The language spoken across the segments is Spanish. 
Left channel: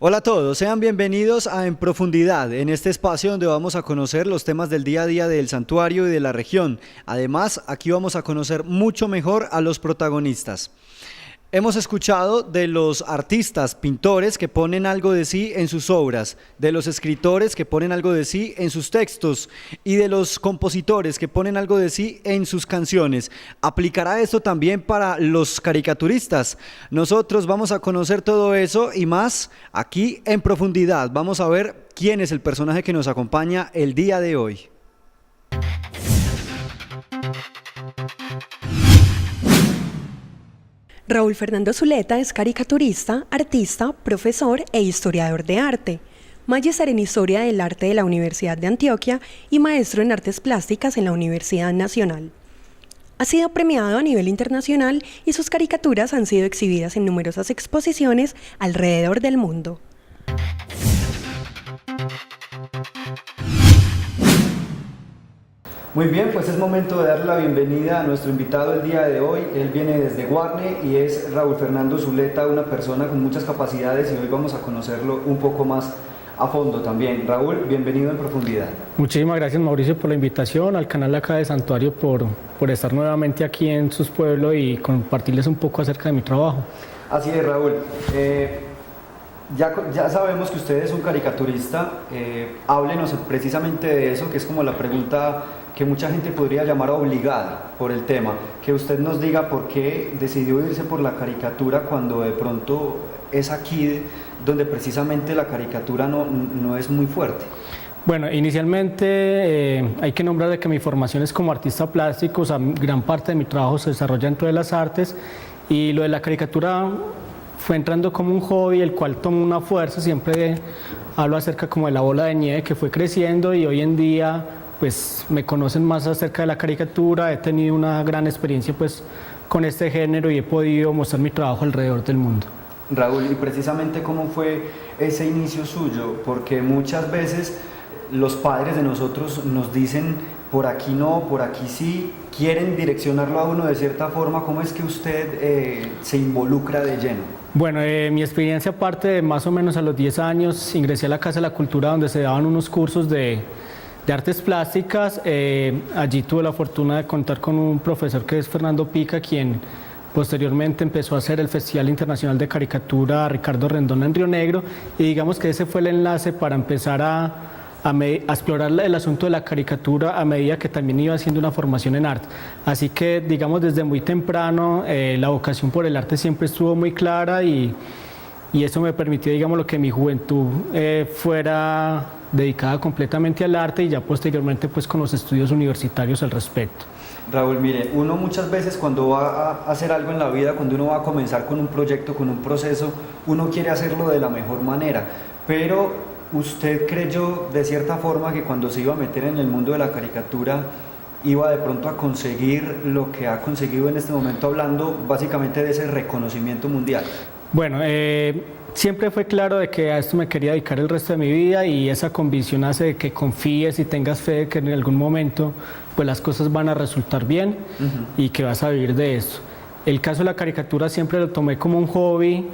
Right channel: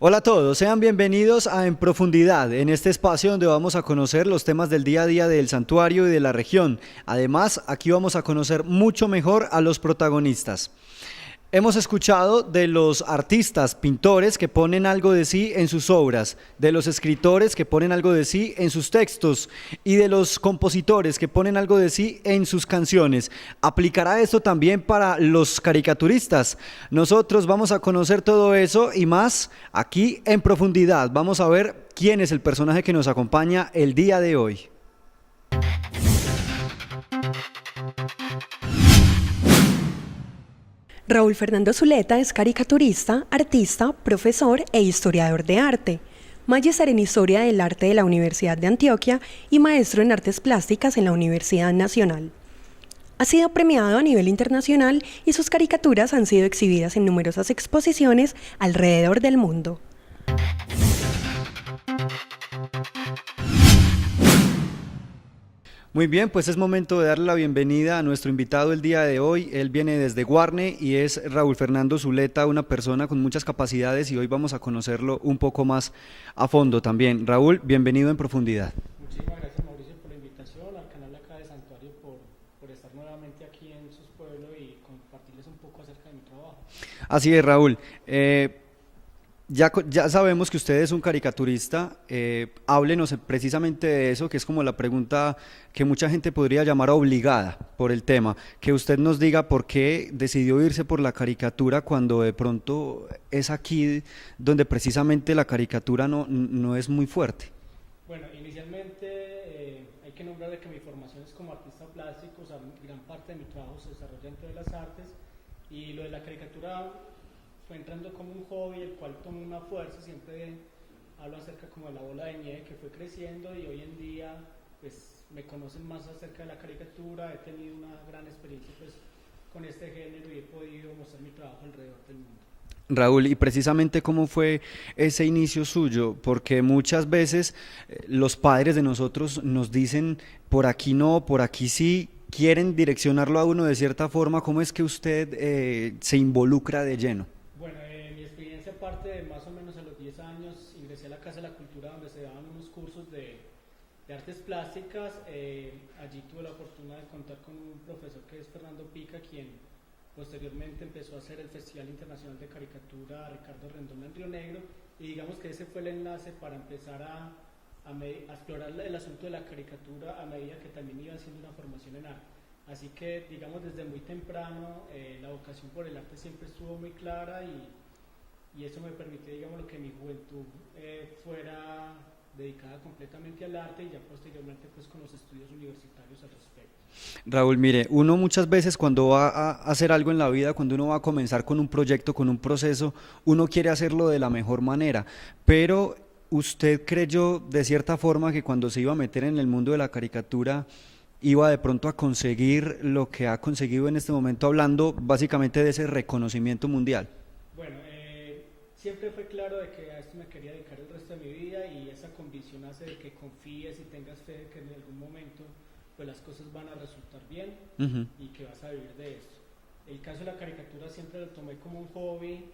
Hola a todos, sean bienvenidos a En Profundidad, en este espacio donde vamos a conocer los temas del día a día del santuario y de la región. Además, aquí vamos a conocer mucho mejor a los protagonistas. Hemos escuchado de los artistas, pintores que ponen algo de sí en sus obras, de los escritores que ponen algo de sí en sus textos y de los compositores que ponen algo de sí en sus canciones. ¿Aplicará esto también para los caricaturistas? Nosotros vamos a conocer todo eso y más aquí en Profundidad. Vamos a ver quién es el personaje que nos acompaña el día de hoy. Raúl Fernando Zuleta es caricaturista, artista, profesor e historiador de arte, magíster en Historia del Arte de la Universidad de Antioquia y maestro en Artes Plásticas en la Universidad Nacional. Ha sido premiado a nivel internacional y sus caricaturas han sido exhibidas en numerosas exposiciones alrededor del mundo. Muy bien, pues es momento de darle la bienvenida a nuestro invitado el día de hoy. Él viene desde Guarne y es Raúl Fernando Zuleta, una persona con muchas capacidades y hoy vamos a conocerlo un poco más a fondo también. Raúl, bienvenido en Profundidad. Muchísimas gracias, Mauricio, por la invitación, al canal acá de Santuario por estar nuevamente aquí en sus pueblos y compartirles un poco acerca de mi trabajo. Así es, Raúl. Ya sabemos que usted es un caricaturista. Háblenos precisamente de eso, que es como la pregunta que mucha gente podría llamar obligada por el tema, que usted nos diga por qué decidió irse por la caricatura cuando de pronto es aquí donde precisamente la caricatura no es muy fuerte. Bueno, inicialmente hay que nombrar de que mi formación es como artista plástico, o sea, gran parte de mi trabajo se desarrolla dentro de las artes y lo de la caricatura fue entrando como un hobby, el cual tomó una fuerza. Siempre hablo acerca como de la bola de nieve que fue creciendo y hoy en día pues me conocen más acerca de la caricatura. He tenido una gran experiencia pues con este género y he podido mostrar mi trabajo alrededor del mundo. Raúl, y precisamente cómo fue ese inicio suyo, porque muchas veces los padres de nosotros nos dicen por aquí no, por aquí sí, quieren direccionarlo a uno de cierta forma. ¿Cómo es que usted se involucra de lleno? Bueno, mi experiencia parte de más o menos a los 10 años, ingresé a la Casa de la Cultura donde se daban unos cursos de artes plásticas. Allí tuve la fortuna de contar con un profesor que es Fernando Pica, quien posteriormente empezó a hacer el Festival Internacional de Caricatura Ricardo Rendón en Río Negro y digamos que ese fue el enlace para empezar a explorar el asunto de la caricatura a medida que también iba haciendo una formación en arte. Así que digamos desde muy temprano la vocación por el arte siempre estuvo muy clara y eso me permitió, digamos, lo que mi juventud fuera dedicada completamente al arte y ya posteriormente pues con los estudios universitarios al respecto. Raúl, mire, uno muchas veces cuando va a hacer algo en la vida, cuando uno va a comenzar con un proyecto, con un proceso, uno quiere hacerlo de la mejor manera, pero ¿usted creyó de cierta forma que cuando se iba a meter en el mundo de la caricatura iba de pronto a conseguir lo que ha conseguido en este momento, hablando básicamente de ese reconocimiento mundial? Bueno, siempre fue claro de que a esto me quería dedicar el resto de mi vida y esa convicción hace de que confíes y tengas fe de que en algún momento pues las cosas van a resultar bien y que vas a vivir de eso. El caso de la caricatura siempre lo tomé como un hobby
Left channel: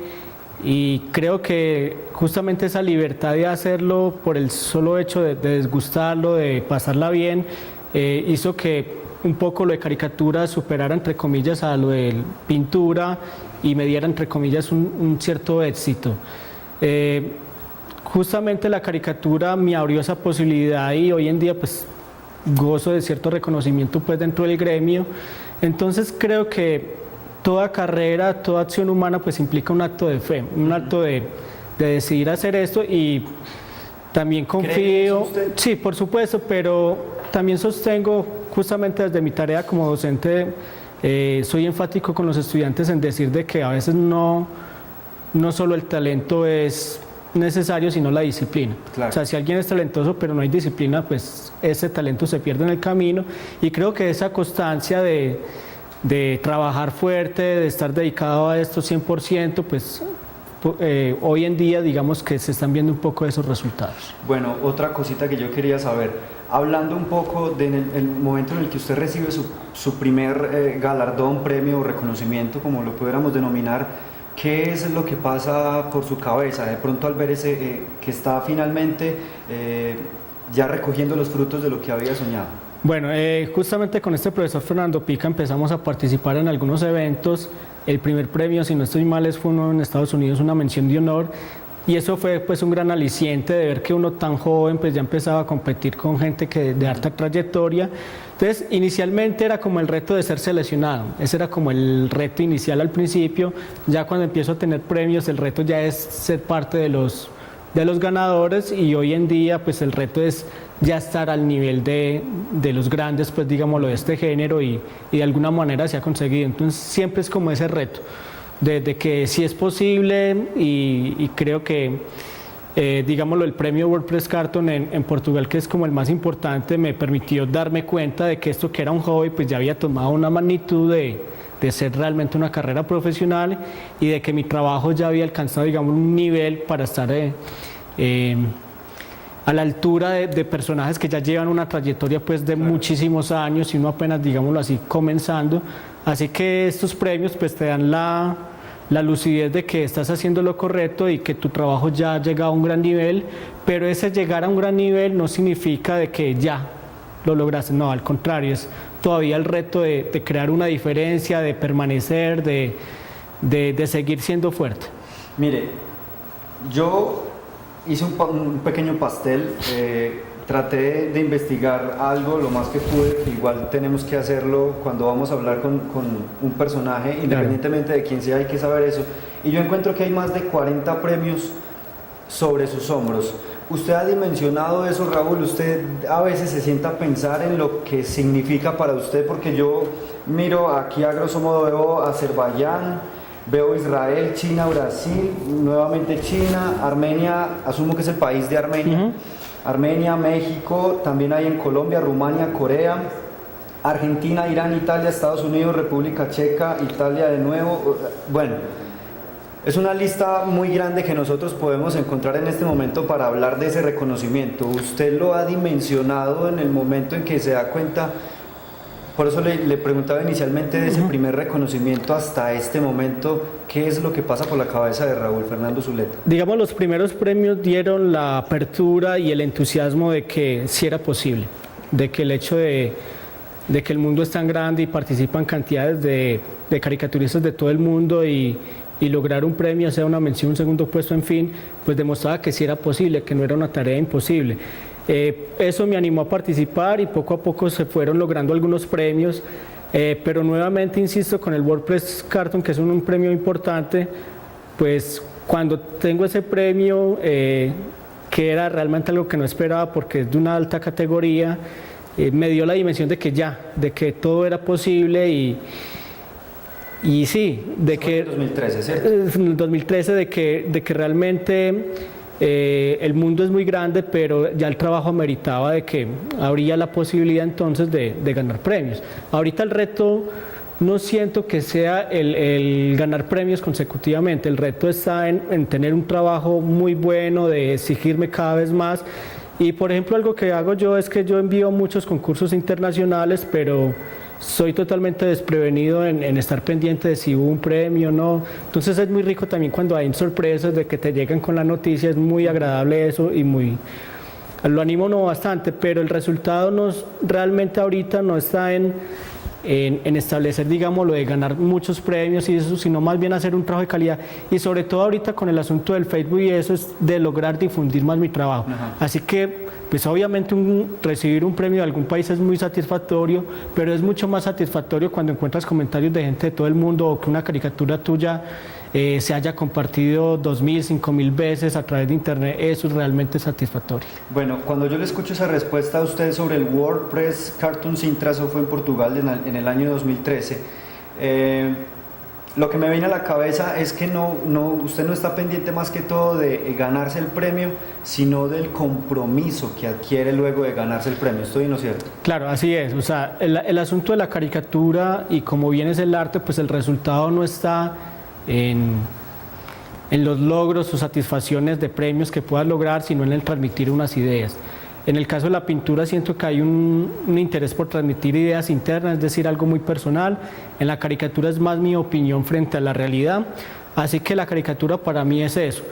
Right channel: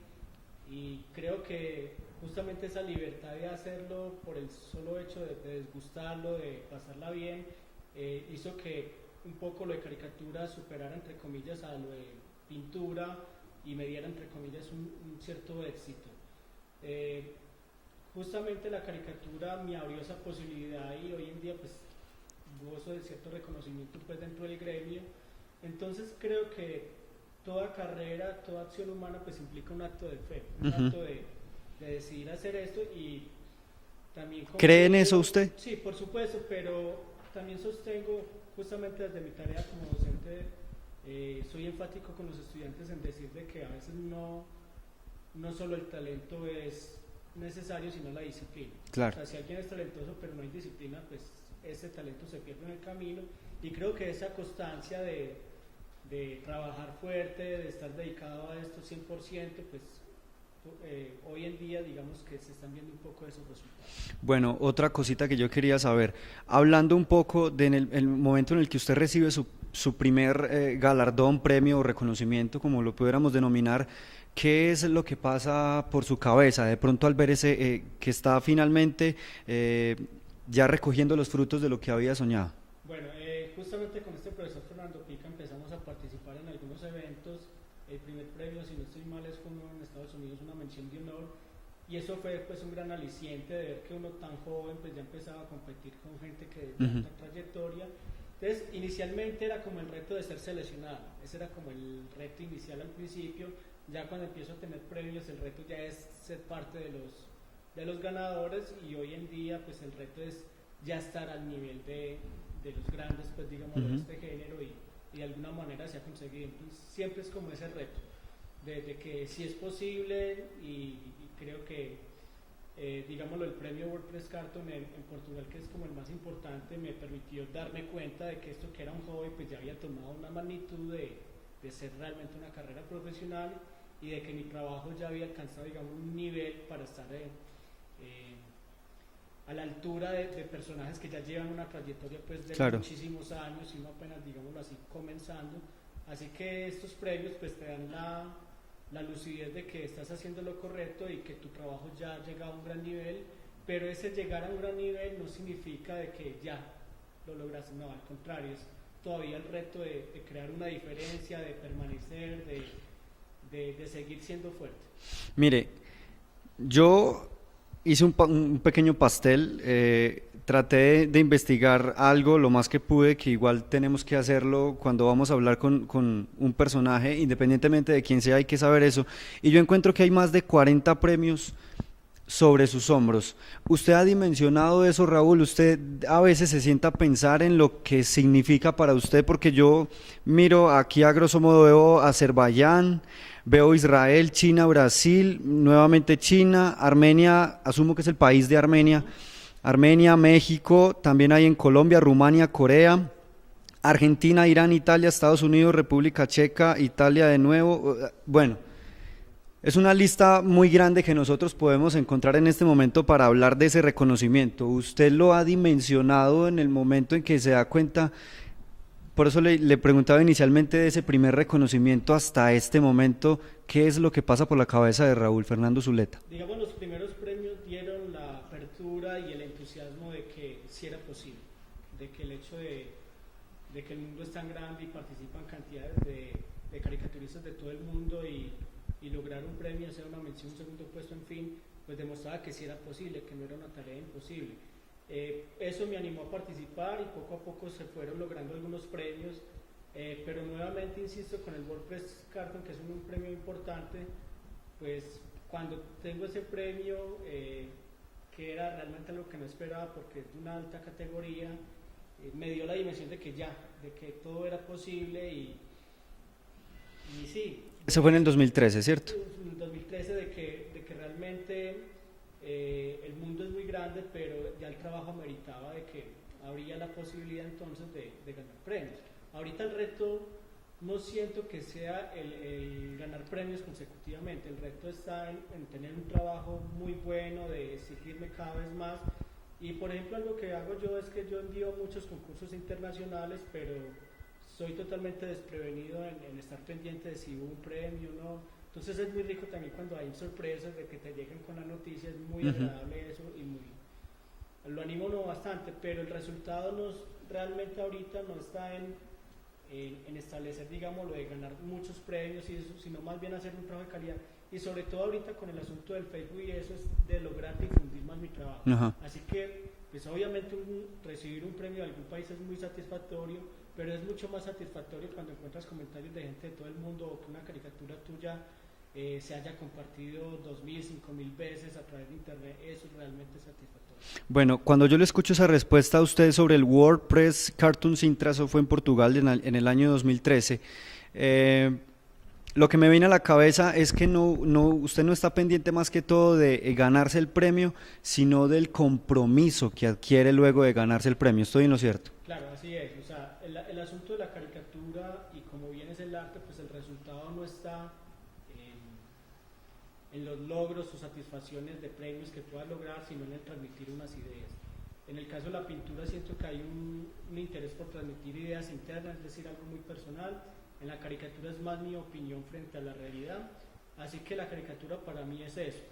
y creo que justamente esa libertad de hacerlo por el solo hecho de desgustarlo, de pasarla bien, hizo que un poco lo de caricatura superara entre comillas a lo de pintura y me diera entre comillas un cierto éxito. Justamente la caricatura me abrió esa posibilidad y hoy en día pues gozo de cierto reconocimiento pues dentro del gremio. Entonces creo que toda carrera, toda acción humana pues implica un acto de fe, un acto de decidir hacer esto y también confío. ¿Cree en eso usted? Sí, por supuesto, pero también sostengo justamente desde mi tarea como docente, soy enfático con los estudiantes en decir de que a veces no solo el talento es necesario, sino la disciplina. Claro. O sea, si alguien es talentoso pero no hay disciplina, pues ese talento se pierde en el camino y creo que esa constancia de trabajar fuerte, de estar dedicado a esto 100%, pues hoy en día digamos que se están viendo un poco esos resultados. Bueno, otra cosita que yo quería saber, hablando un poco el momento en el que usted recibe su primer galardón, premio o reconocimiento, como lo pudiéramos denominar, ¿qué es lo que pasa por su cabeza de pronto al ver que está finalmente ya recogiendo los frutos de lo que había soñado? Bueno, justamente con este profesor Fernando Pica empezamos a participar en algunos eventos. El primer premio, si no estoy mal, fue uno en Estados Unidos, una mención de honor. Y eso fue pues un gran aliciente de ver que uno tan joven pues ya empezaba a competir con gente de alta trayectoria. Entonces inicialmente era como el reto de ser seleccionado, ese era como el reto inicial al principio. Ya cuando empiezo a tener premios el reto ya es ser parte de los ganadores, y hoy en día pues el reto es ya estar al nivel de los grandes, pues digámoslo, de este género, y de alguna manera se ha conseguido. Entonces siempre es como ese reto de que sí es posible, y creo que digámoslo, el premio WordPress Carton en Portugal, que es como el más importante, me permitió darme cuenta de que esto, que era un hobby, pues ya había tomado una magnitud de ser realmente una carrera profesional, y de que mi trabajo ya había alcanzado, digamos, un nivel para estar a la altura de personajes que ya llevan una trayectoria pues de muchísimos años, y uno apenas, digámoslo así, comenzando. Así que estos premios pues te dan la lucidez de que estás haciendo lo correcto y que tu trabajo ya ha llegado a un gran nivel, pero ese llegar a un gran nivel no significa de que ya lo lograste, no, al contrario, es todavía el reto de crear una diferencia, de permanecer, de seguir siendo fuerte. Mire, yo hice un pequeño pastel, traté de investigar algo lo más que pude, que igual tenemos que hacerlo cuando vamos a hablar con un personaje, independientemente de quién sea, hay que saber eso. Y yo encuentro que hay más de 40 premios sobre sus hombros. ¿Usted ha dimensionado eso, Raúl? ¿Usted a veces se sienta a pensar en lo que significa para usted? Porque yo miro aquí, a grosso modo, veo Azerbaiyán, veo Israel, China, Brasil, nuevamente China, Armenia, asumo que es el país de Armenia, Armenia, México, también hay en Colombia, Rumania, Corea, Argentina, Irán, Italia, Estados Unidos, República Checa, Italia de nuevo. Bueno, es una lista muy grande que nosotros podemos encontrar en este momento para hablar de ese reconocimiento. ¿Usted lo ha dimensionado en el momento en que se da cuenta? Por eso le preguntaba inicialmente de ese primer reconocimiento hasta este momento, ¿qué es lo que pasa por la cabeza de Raúl Fernando Zuleta? Digamos, los primeros premios dieron la apertura y el entusiasmo de que sí era posible, de que el hecho de que el mundo es tan grande y participan cantidades de caricaturistas de todo el mundo, y lograr un premio, sea una mención, un segundo puesto, en fin, pues demostraba que sí era posible, que no era una tarea imposible. Eso me animó a participar, y poco a poco se fueron logrando algunos premios, pero nuevamente insisto con el WordPress Carton, que es un premio importante. Pues cuando tengo ese premio, que era realmente algo que no esperaba porque es de una alta categoría, me dio la dimensión de que todo era posible, y sí, Eso fue en 2013, ¿cierto? En el 2013, de que realmente el mundo es muy grande, pero ya el trabajo ameritaba de que habría la posibilidad entonces de ganar premios. Ahorita el reto no siento que sea el ganar premios consecutivamente, el reto está en tener un trabajo muy bueno, de exigirme cada vez más. Y por ejemplo, algo que hago yo es que yo envío muchos concursos internacionales, pero soy totalmente desprevenido en estar pendiente de si hubo un premio o no. Entonces es muy rico también cuando hay sorpresas de que te llegan con la noticia, es muy agradable eso, y lo animo uno bastante, pero el resultado realmente ahorita no está en establecer, digamos, lo de ganar muchos premios y eso, sino más bien hacer un trabajo de calidad, y sobre todo ahorita con el asunto del Facebook y eso, es de lograr difundir más mi trabajo. Así que pues obviamente recibir un premio de algún país es muy satisfactorio, pero es mucho más satisfactorio cuando encuentras comentarios de gente de todo el mundo, o que una caricatura tuya se haya compartido 2.000, 5.000 veces a través de internet. Eso es realmente satisfactorio. Bueno, cuando yo le escucho esa respuesta a usted sobre el WordPress Cartoon Sintra, eso fue en Portugal en el año 2013, lo que me viene a la cabeza es que usted no está pendiente más que todo de ganarse el premio, sino del compromiso que adquiere luego de ganarse el premio. ¿Estoy en lo cierto? Claro, así es. O sea, el asunto de la caricatura, y como bien es el arte, pues el resultado no está en los logros o satisfacciones de premios que puedas lograr, sino en el transmitir unas ideas. En el caso de la pintura siento que hay un interés por transmitir ideas internas, es decir, algo muy personal. En la caricatura es más mi opinión frente a la realidad. Así que la caricatura para mí es eso,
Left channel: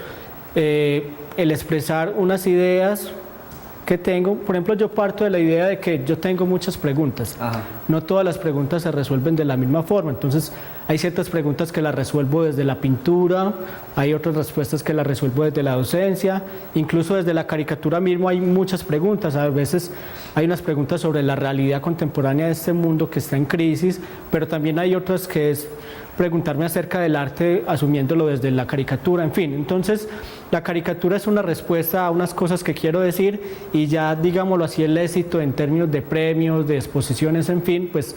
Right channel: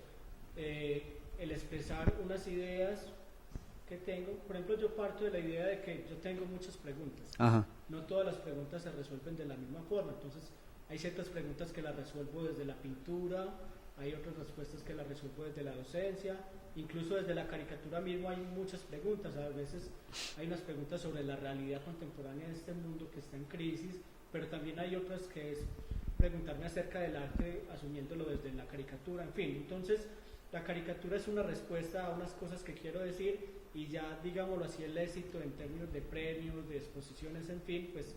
el expresar unas ideas que tengo. Por ejemplo, yo parto de la idea de que yo tengo muchas preguntas. Ajá. No todas las preguntas se resuelven de la misma forma, entonces hay ciertas preguntas que las resuelvo desde la pintura, hay otras respuestas que las resuelvo desde la docencia, incluso desde la caricatura mismo hay muchas preguntas. A veces hay unas preguntas sobre la realidad contemporánea de este mundo que está en crisis, pero también hay otras que es preguntarme acerca del arte asumiéndolo desde la caricatura, en fin. Entonces, la caricatura es una respuesta a unas cosas que quiero decir y ya, digámoslo así, el éxito en términos de premios, de exposiciones, en fin, pues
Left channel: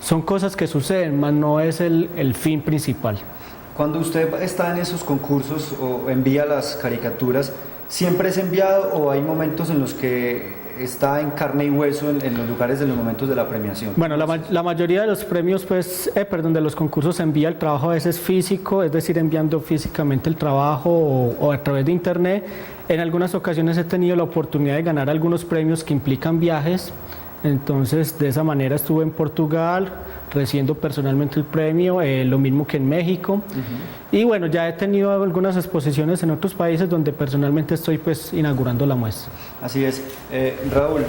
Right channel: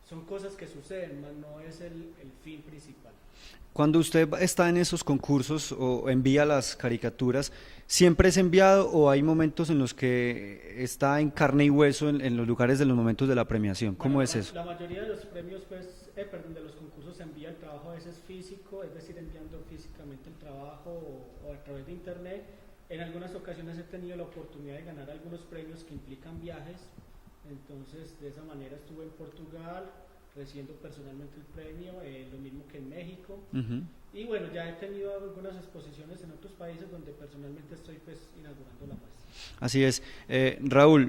son cosas que suceden, más no es el fin principal. Cuando usted está en esos concursos o envía las caricaturas, ¿siempre es enviado o hay momentos en los que está en carne y hueso en los lugares de los momentos de la premiación? Bueno, la mayoría de los premios, pues, de los concursos se envía el trabajo a veces físico, es decir, enviando físicamente el trabajo o a través de internet. En algunas ocasiones he tenido la oportunidad de ganar algunos premios que implican viajes, entonces de esa manera estuve en Portugal recibiendo personalmente el premio, lo mismo que en México. Y bueno, ya he tenido algunas exposiciones en otros países donde personalmente estoy pues inaugurando la muestra. Así es. Raúl,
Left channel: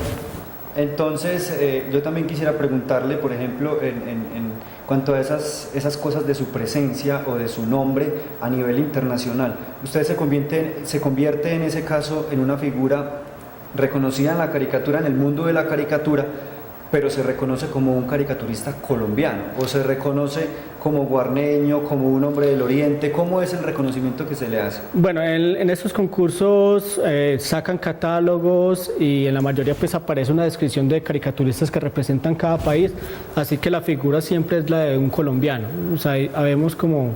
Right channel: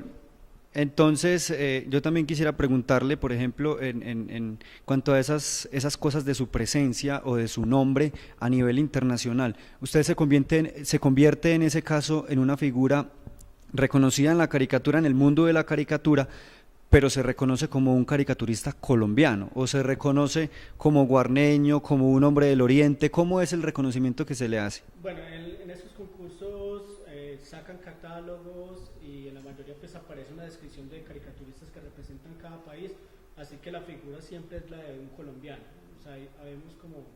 entonces yo también quisiera preguntarle, por ejemplo, en cuanto a esas cosas de su presencia o de su nombre a nivel internacional, usted se convierte en ese caso en una figura reconocida en la caricatura, en el mundo de la caricatura, pero se reconoce como un caricaturista colombiano o se reconoce como guarneño, como un hombre del oriente. ¿Cómo es el reconocimiento que se le hace? Bueno, en estos concursos sacan catálogos y en la mayoría pues aparece una descripción de caricaturistas que representan cada país, así que la figura siempre es la de un colombiano. O sea, habemos como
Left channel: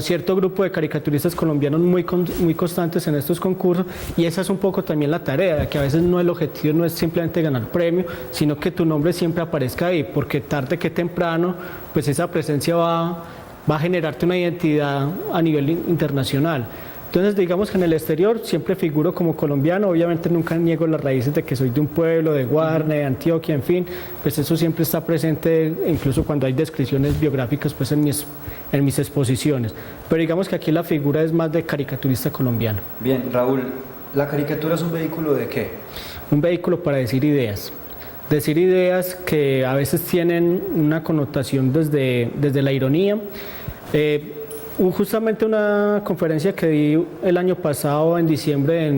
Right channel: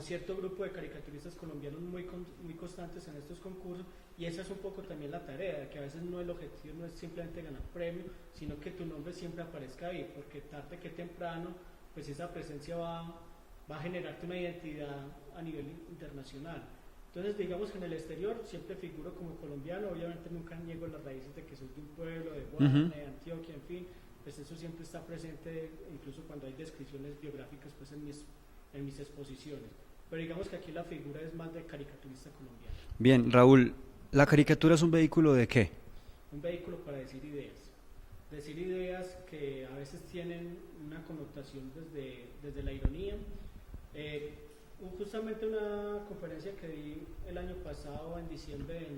cierto grupo de caricaturistas colombianos muy constantes en estos concursos, y esa es un poco también la tarea, que a veces no el objetivo no es simplemente ganar premio, sino que tu nombre siempre aparezca ahí, porque tarde que temprano pues esa presencia va a generarte una identidad a nivel internacional. Entonces, digamos que en el exterior siempre figuro como colombiano, obviamente nunca niego las raíces de que soy de un pueblo, de Guarne, de Antioquia, en fin, pues eso siempre está presente, incluso cuando hay descripciones biográficas pues en mis exposiciones. Pero digamos que aquí la figura es más de caricaturista colombiano. Bien, Raúl, ¿la caricatura es un vehículo de qué? Un vehículo para decir ideas. Decir ideas que a veces tienen una connotación desde la ironía. Justamente una conferencia que di el año pasado, en diciembre,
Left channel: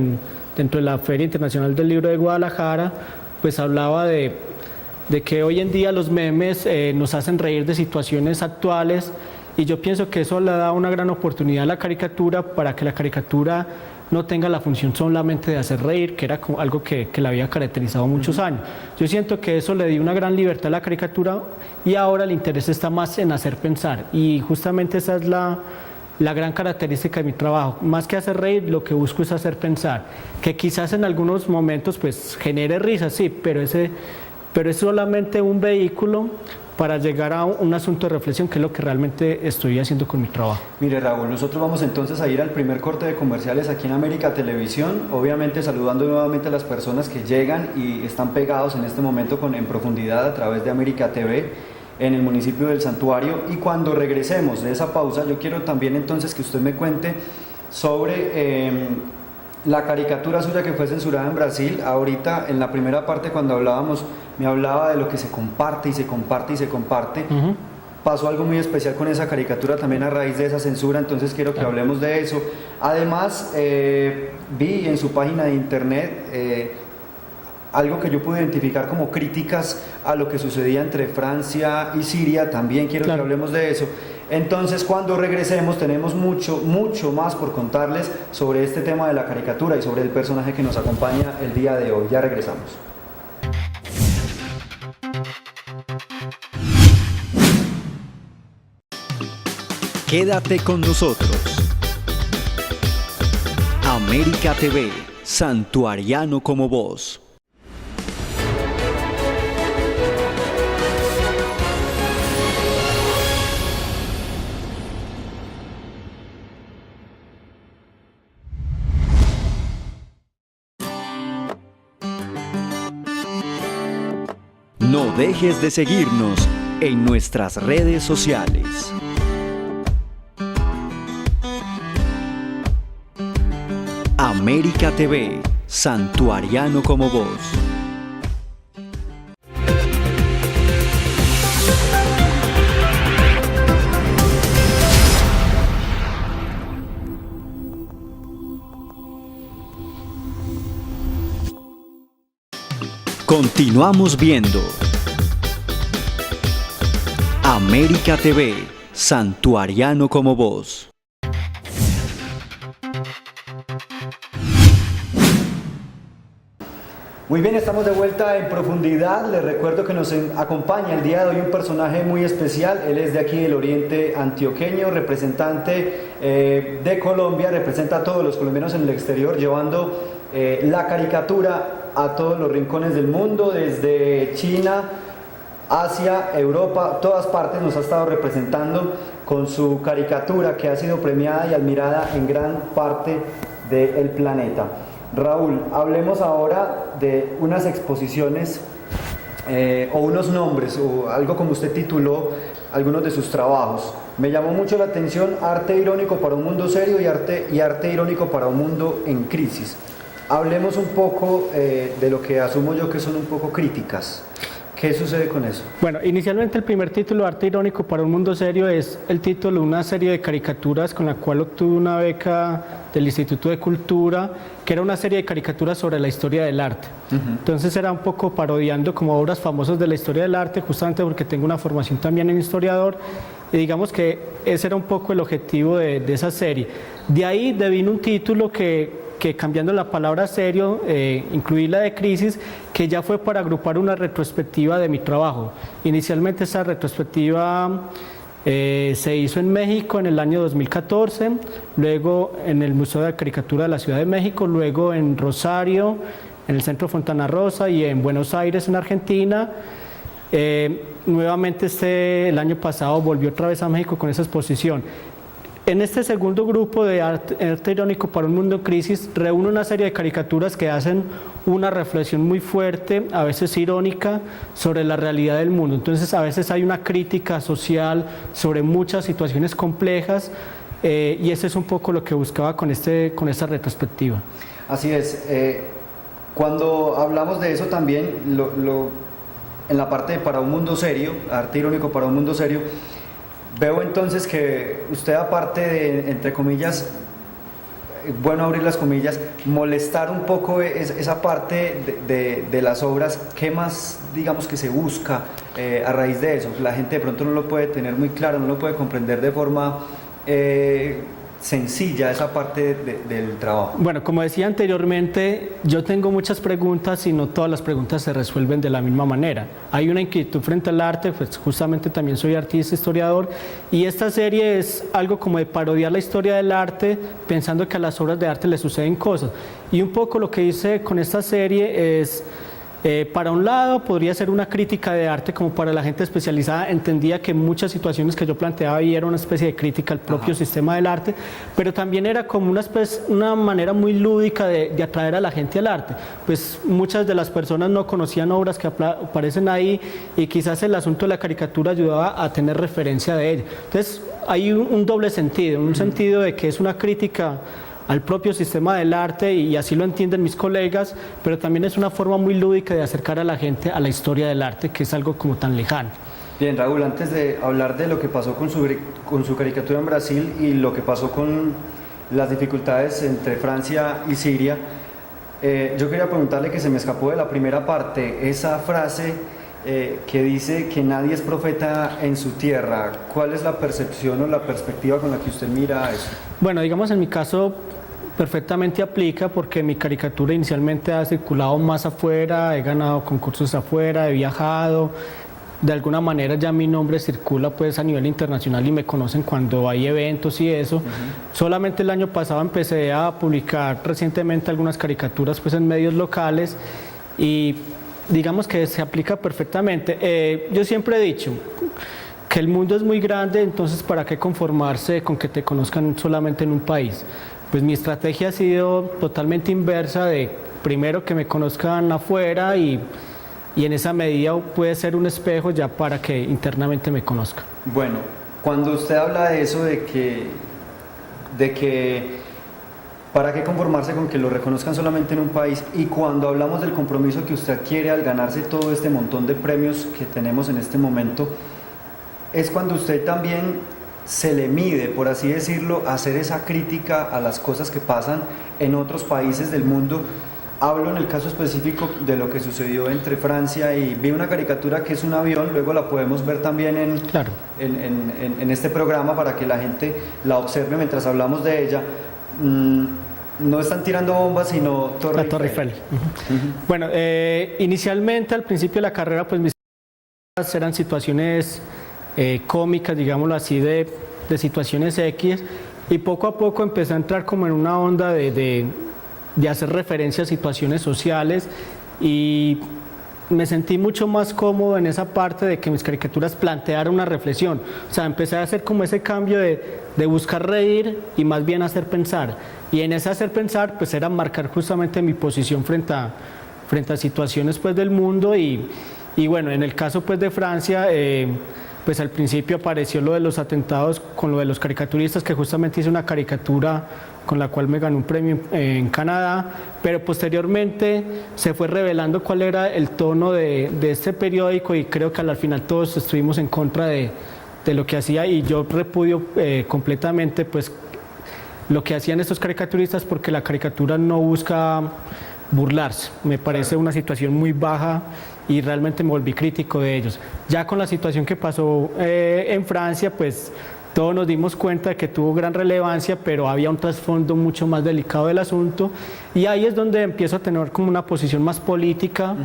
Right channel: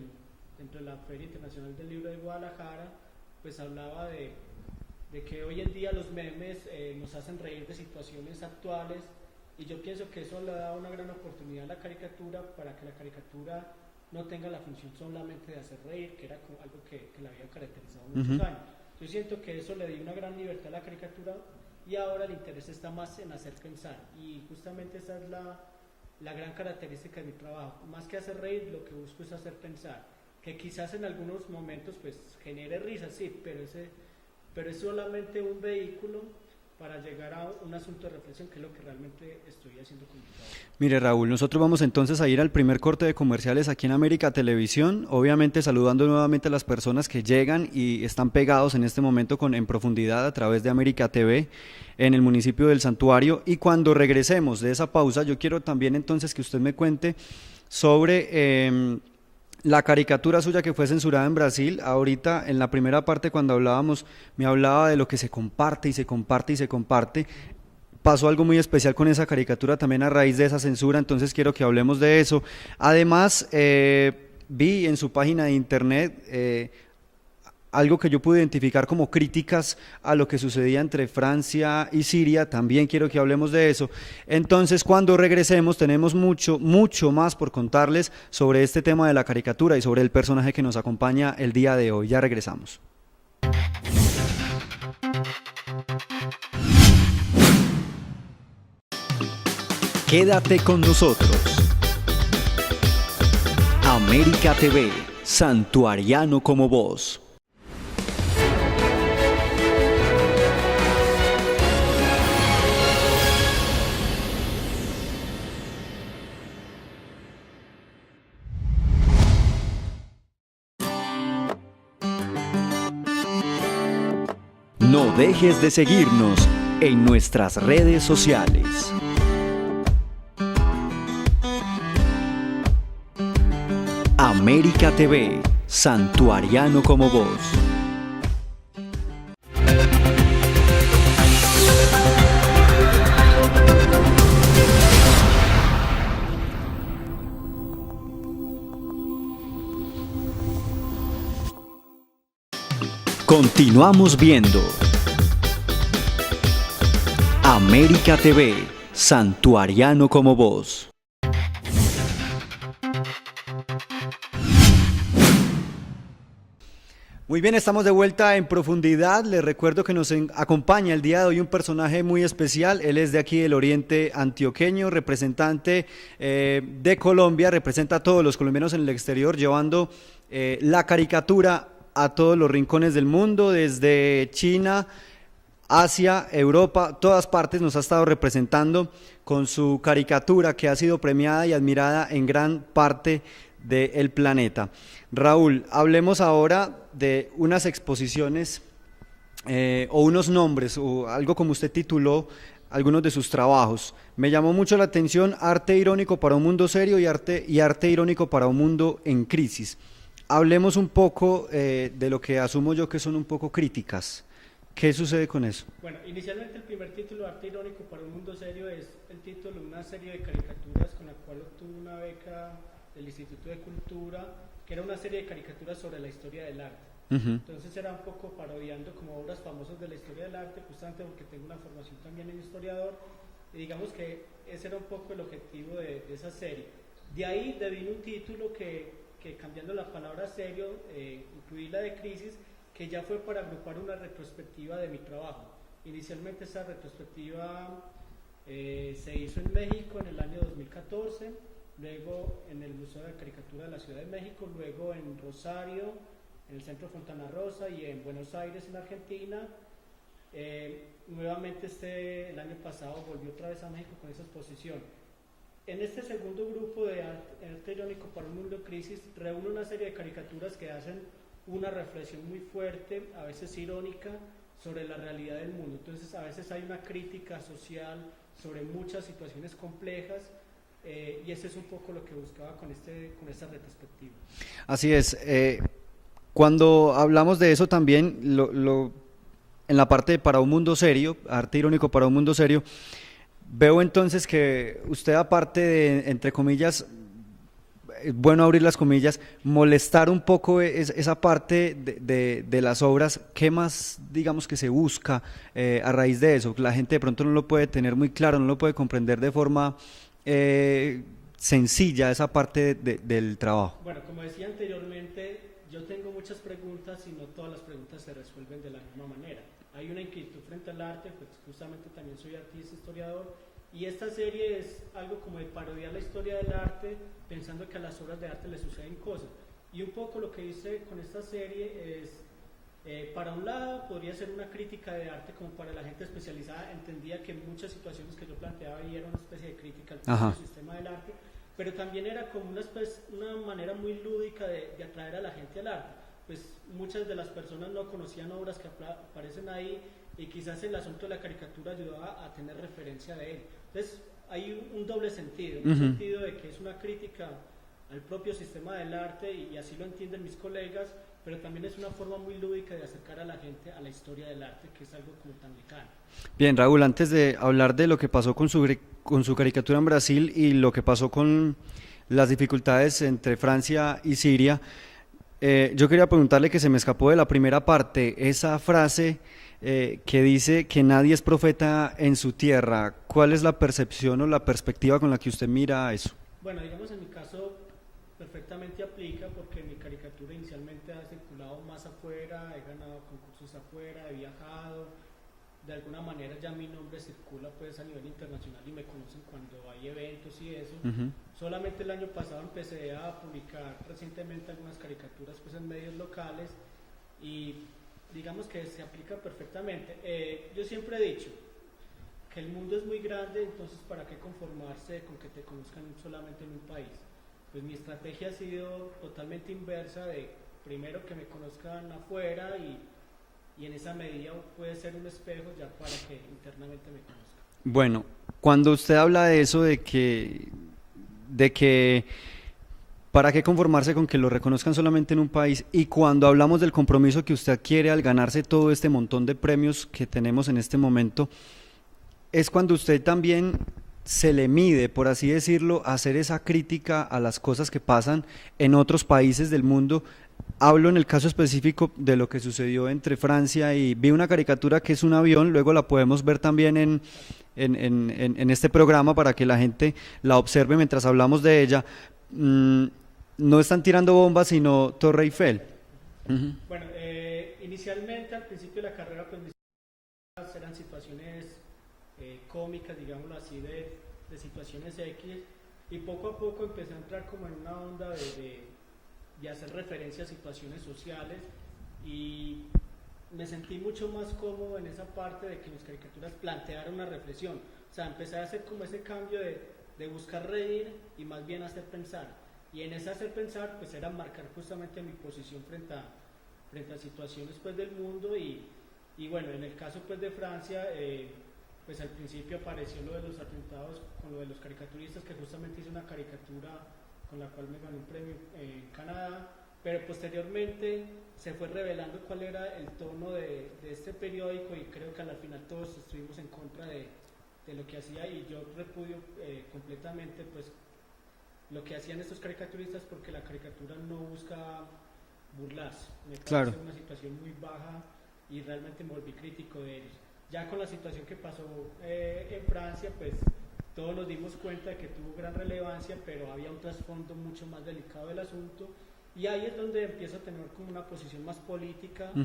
dentro de la Feria Internacional del Libro de Guadalajara, pues hablaba de que hoy en día los memes nos hacen reír de situaciones actuales, y yo pienso que eso le da una gran oportunidad a la caricatura para que la caricatura no tenga la función solamente de hacer reír, que era algo que la había caracterizado muchos años. Yo siento que eso le dio una gran libertad a la caricatura y ahora el interés está más en hacer pensar, y justamente esa es la gran característica de mi trabajo. Más que hacer reír, lo que busco es hacer pensar, que quizás en algunos momentos pues genere risa, sí, pero es solamente un vehículo para llegar a un asunto de reflexión, que es lo que realmente estoy haciendo con mi trabajo. Mire, Raúl, nosotros vamos entonces a ir al primer corte de comerciales aquí en América Televisión, obviamente saludando nuevamente a las personas que llegan y están pegados en este momento En Profundidad a través de América TV en el municipio del Santuario, y cuando regresemos de esa pausa yo quiero también entonces que usted me cuente sobre la caricatura suya que fue censurada en Brasil. Ahorita en la primera parte, cuando hablábamos, me hablaba de lo que se comparte y se comparte y se comparte. Pasó algo muy especial con esa caricatura también a raíz de esa censura, entonces quiero que hablemos de eso. Además, vi en su página de internet algo que yo pude identificar como críticas a lo que sucedía entre Francia y Siria. También quiero que hablemos de eso. Entonces, cuando regresemos, tenemos mucho más por contarles sobre este tema de la caricatura y sobre el personaje que nos acompaña el día de hoy. Ya regresamos. Quédate con nosotros. América TV, santuariano como vos. dejes de seguirnos en nuestras redes sociales. América TV, Santuariano como vos. Continuamos viendo América TV, Santuariano como vos. Muy bien, estamos de vuelta en profundidad. Les recuerdo que nos acompaña el día de hoy un personaje muy especial. Él es de aquí del oriente antioqueño, representante de Colombia, representa a todos los colombianos en el exterior, llevando la caricatura a todos los rincones del mundo, desde China, Asia, Europa, todas partes nos ha estado representando con su caricatura que ha sido premiada y admirada en gran parte del planeta. Raúl, hablemos ahora de unas exposiciones o unos nombres o algo como usted tituló algunos de sus trabajos. Me llamó mucho la atención Arte irónico para un mundo serio y arte irónico para un mundo en crisis. Hablemos un poco de lo que asumo yo que son un poco críticas. ¿Qué sucede con eso? Bueno, inicialmente el primer título, Arte irónico para un mundo serio, es el título de una serie de caricaturas con la cual obtuve una beca del Instituto de Cultura, que era una serie de caricaturas sobre la historia del arte. Entonces era un poco parodiando como obras famosas de la historia del arte, justamente porque tengo una formación también en historiador, y digamos que ese era un poco el objetivo de esa serie. De ahí devino un título que cambiando la palabra serio, incluí la de crisis, que ya fue para agrupar una retrospectiva de mi trabajo. Inicialmente esa retrospectiva se hizo en México en el año 2014, luego en el Museo de Caricatura de la Ciudad de México, luego en Rosario, en el Centro Fontana Rosa y en Buenos Aires, en Argentina. Nuevamente el año pasado volvió otra vez a México con esa exposición. En este segundo grupo de arte irónico para un mundo en crisis, reúne una serie de caricaturas que hacen una reflexión muy fuerte, a veces irónica, sobre la realidad del mundo. Entonces, a veces hay una crítica social sobre muchas situaciones complejas y ese es un poco lo que buscaba con esta retrospectiva. Así es. Cuando hablamos de eso también, en la parte de para un mundo serio, arte irónico para un mundo serio, veo entonces que usted, aparte de, entre comillas, bueno abrir las comillas, molestar un poco esa parte de las obras, ¿qué más digamos que se busca a raíz de eso? La gente de pronto no lo puede tener muy claro, no lo puede comprender de forma sencilla esa parte del trabajo. Bueno, como decía anteriormente, yo tengo muchas preguntas y no todas las preguntas se resuelven de la misma manera. Hay una inquietud frente al arte, pues justamente también soy artista, historiador, y esta serie es algo como de parodiar la historia del arte, pensando que a las obras de arte le suceden cosas. Y un poco lo que hice con esta serie es, para un lado podría ser una crítica de arte, como para la gente especializada entendía que muchas situaciones que yo planteaba ahí era una especie de crítica al propio sistema del arte, pero también era como una manera muy lúdica de atraer a la gente al arte. Pues muchas de las personas no conocían obras que aparecen ahí y quizás el asunto de la caricatura ayudaba a tener referencia de ella. Entonces hay un doble sentido, un sentido de que es una crítica al propio sistema del arte y así lo entienden mis colegas, pero también es una forma muy lúdica de acercar a la gente a la historia del arte, que es algo como tan lejano. Bien, Raúl, antes de hablar de lo que pasó con su caricatura en Brasil y lo que pasó con las dificultades entre Francia y Siria, yo quería preguntarle, que se me escapó de la primera parte, esa frase que dice que nadie es profeta en su tierra. ¿Cuál es la percepción o la perspectiva con la que usted mira eso? Bueno, digamos en mi caso perfectamente aplica, porque mi caricatura inicialmente ha circulado más afuera, he ganado concursos afuera, he viajado, de alguna manera ya mi nombre circula pues a nivel internacional y me conocen cuando hay eventos y eso. Solamente el año pasado empecé a publicar recientemente algunas caricaturas pues en medios locales y digamos que se aplica perfectamente. Yo siempre he dicho que el mundo es muy grande, entonces ¿para qué conformarse con que te conozcan solamente en un país? Pues mi estrategia ha sido totalmente inversa, de primero que me conozcan afuera y y en esa medida puede ser un espejo ya para que internamente me conozca. Bueno, cuando usted habla de eso, de que ¿para qué conformarse con que lo reconozcan solamente en un país? Y cuando hablamos del compromiso que usted quiere al ganarse todo este montón de premios que tenemos en este momento, es cuando usted también se le mide, por así decirlo, a hacer esa crítica a las cosas que pasan en otros países del mundo. Hablo en el caso específico de lo que sucedió entre Francia y vi una caricatura que es un avión, luego la podemos ver también Claro. en este programa para que la gente la observe mientras hablamos de ella. No están tirando bombas, sino Torre Eiffel. Bueno, inicialmente al principio de la carrera, pues mis eran situaciones cómicas, digámoslo así, de situaciones X, y poco a poco empecé a entrar como en una onda de hacer referencia a situaciones sociales, y me sentí mucho más cómodo en esa parte de que mis caricaturas plantearan una reflexión. O sea, empecé a hacer como ese cambio de buscar reír y más bien hacer pensar. Y en ese hacer pensar, pues era marcar justamente mi posición frente a situaciones pues del mundo, y bueno, en el caso pues de Francia, pues al principio apareció lo de los atentados con lo de los caricaturistas, que justamente hice una caricatura con la cual me gané un premio en Canadá, pero posteriormente se fue revelando cuál era el tono de este periódico, y creo que al final todos estuvimos en contra de lo que hacía, y yo repudio completamente pues lo que hacían estos caricaturistas, porque la caricatura no busca burlarse, me parece una situación muy baja, y realmente me volví crítico de ellos. Ya con la situación que pasó en Francia, pues todos nos dimos cuenta de que tuvo gran relevancia, pero había un trasfondo mucho más delicado del asunto, y ahí es donde empiezo a tener como una posición más política,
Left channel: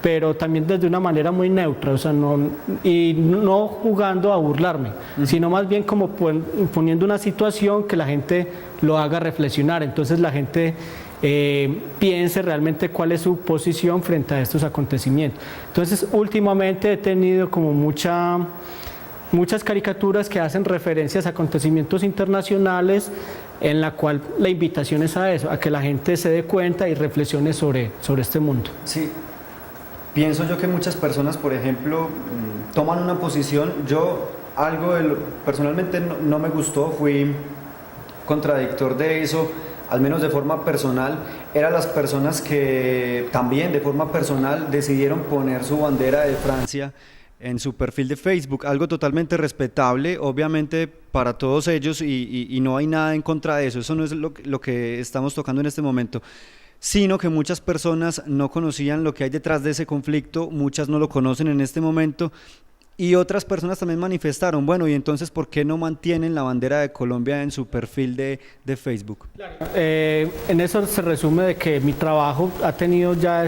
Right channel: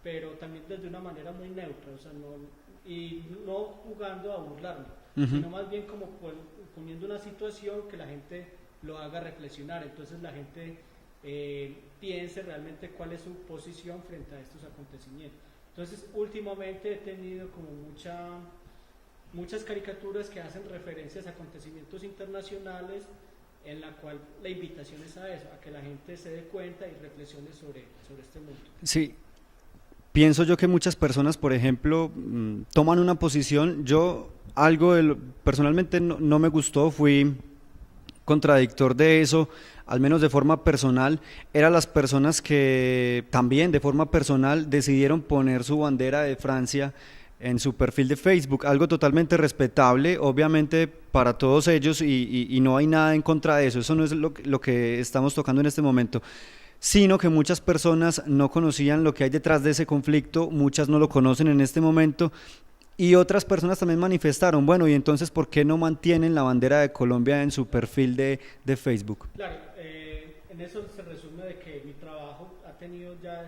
pero también desde una manera muy neutra, o sea, no jugando a burlarme, sino más bien como poniendo una situación que la gente lo haga reflexionar, entonces la gente piense realmente cuál es su posición frente a estos acontecimientos. Entonces, últimamente he tenido como muchas caricaturas que hacen referencias a acontecimientos internacionales, en la cual la invitación es a eso, a que la gente se dé cuenta y reflexione sobre este mundo. Sí, pienso yo que muchas personas, por ejemplo, toman una posición. Yo personalmente no me gustó, fui contradictor de eso, al menos de forma personal. Eran las personas que también de forma personal decidieron poner su bandera de Francia en su perfil de Facebook, algo totalmente respetable, obviamente para todos ellos, y no hay nada en contra de eso. Eso no es lo que estamos tocando en este momento, sino que muchas personas no conocían lo que hay detrás de ese conflicto, muchas no lo conocen en este momento, y otras personas también manifestaron, bueno, y entonces, ¿por qué no mantienen la bandera de Colombia en su perfil de Facebook? Claro. En eso se resume de que mi trabajo ha tenido ya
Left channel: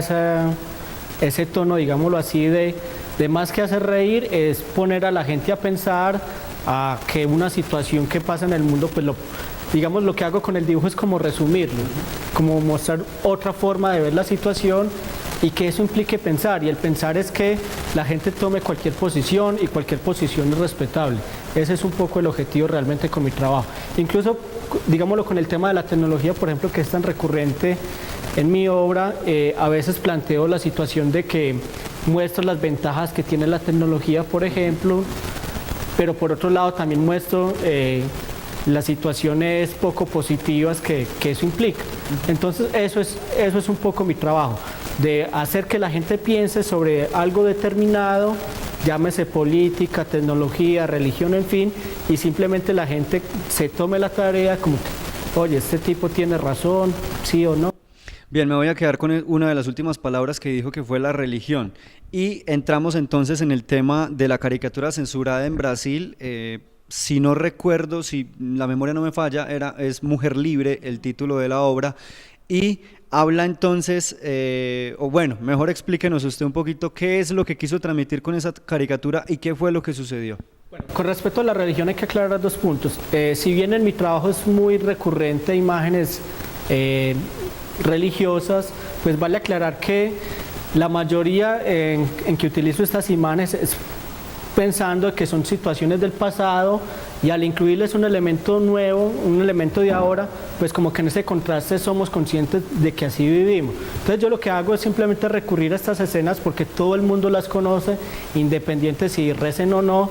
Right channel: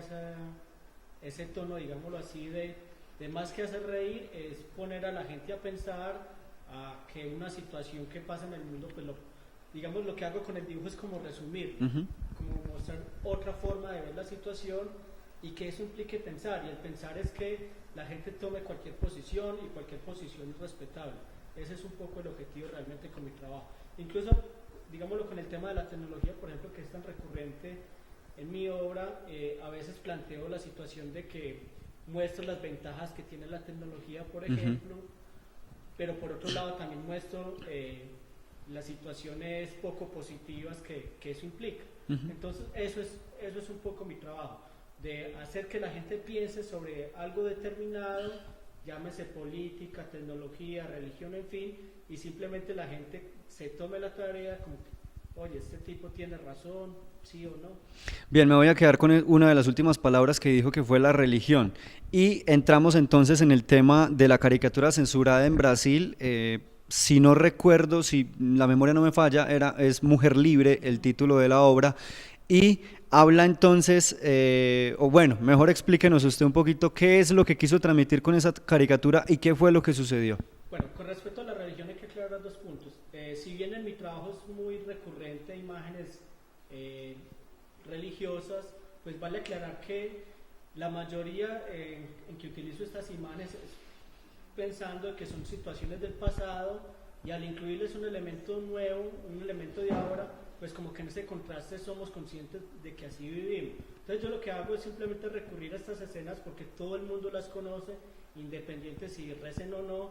ese tono, digámoslo así, de más que hacer reír, es poner a la gente a pensar, a que una situación que pasa en el mundo, pues digamos, lo que hago con el dibujo es como resumirlo, como mostrar otra forma de ver la situación, y que eso implique pensar, y el pensar es que la gente tome cualquier posición, y cualquier posición es respetable. Ese es un poco el objetivo realmente con mi trabajo. Incluso, digámoslo, con el tema de la tecnología, por ejemplo, que es tan recurrente en mi obra, a veces planteo la situación de que muestro las ventajas que tiene la tecnología, por ejemplo, pero por otro lado también muestro las situaciones poco positivas que eso implica. Entonces eso es un poco mi trabajo, de hacer que la gente piense sobre algo determinado, llámese política, tecnología, religión, en fin, y simplemente la gente se tome la tarea como, oye, este tipo tiene razón, sí o no. Bien, me voy a quedar con una de las últimas palabras que dijo, que fue la religión. Y entramos entonces en el tema de la caricatura censurada en Brasil. Si no recuerdo, si la memoria no me falla, es Mujer Libre el título de la obra. Y habla entonces, o bueno, mejor explíquenos usted un poquito qué es lo que quiso transmitir con esa caricatura y qué fue lo que sucedió. Bueno, con respecto a la religión hay que aclarar dos puntos. Si bien en mi trabajo es muy recurrente imágenes religiosas, pues vale aclarar que la mayoría en que utilizo estas imágenes es pensando que son situaciones del pasado y al incluirles un elemento nuevo, un elemento de ahora, pues como que en ese contraste somos conscientes de que así vivimos. Entonces yo lo que hago es simplemente recurrir a estas escenas porque todo el mundo las conoce, independiente si recen o no,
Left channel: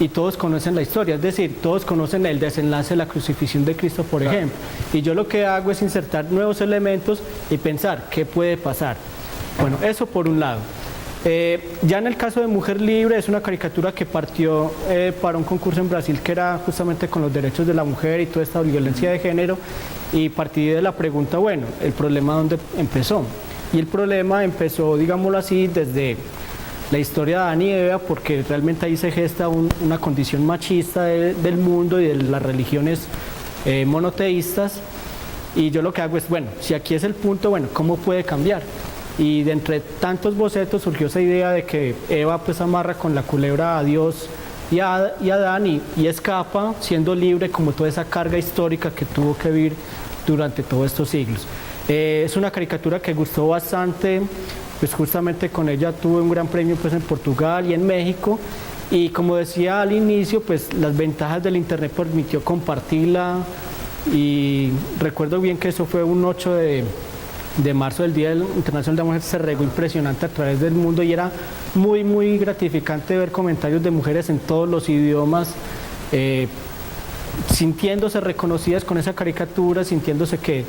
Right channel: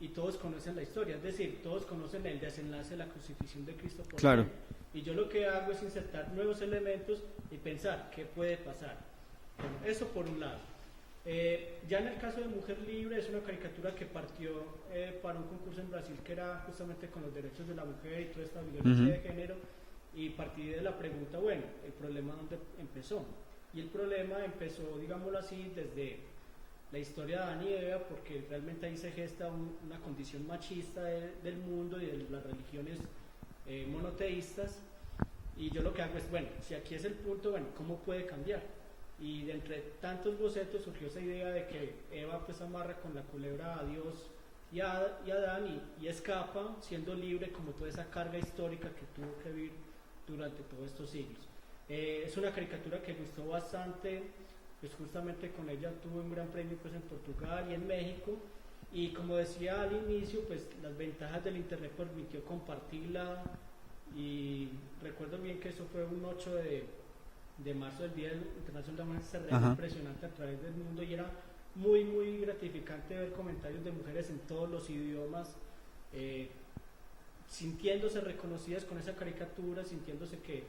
y todos conocen la historia, es decir, todos conocen el desenlace de la crucifixión de Cristo, por ejemplo. Y yo lo que hago es insertar nuevos elementos y pensar qué puede pasar. Bueno, eso por un lado. Ya en el caso de Mujer Libre, es una caricatura que partió para un concurso en Brasil que era justamente con los derechos de la mujer y toda esta violencia de género, y partí de la pregunta, bueno, ¿el problema dónde empezó? Y el problema empezó, digámoslo así, desde la historia de Adán y Eva, porque realmente ahí se gesta una condición machista del mundo y de las religiones monoteístas, y yo lo que hago es, bueno, si aquí es el punto, bueno, ¿cómo puede cambiar? Y de entre tantos bocetos surgió esa idea de que Eva pues amarra con la culebra a Dios y a Adán y escapa siendo libre como toda esa carga histórica que tuvo que vivir durante todos estos siglos. Es una caricatura que gustó bastante, pues justamente con ella tuve un gran premio pues en Portugal y en México, y como decía al inicio, pues las ventajas del internet permitió compartirla, y recuerdo bien que eso fue un 8 de marzo, del Día Internacional de la Mujer, se regó impresionante a través del mundo y era muy gratificante ver comentarios de mujeres en todos los idiomas, sintiéndose reconocidas con esa caricatura, sintiéndose que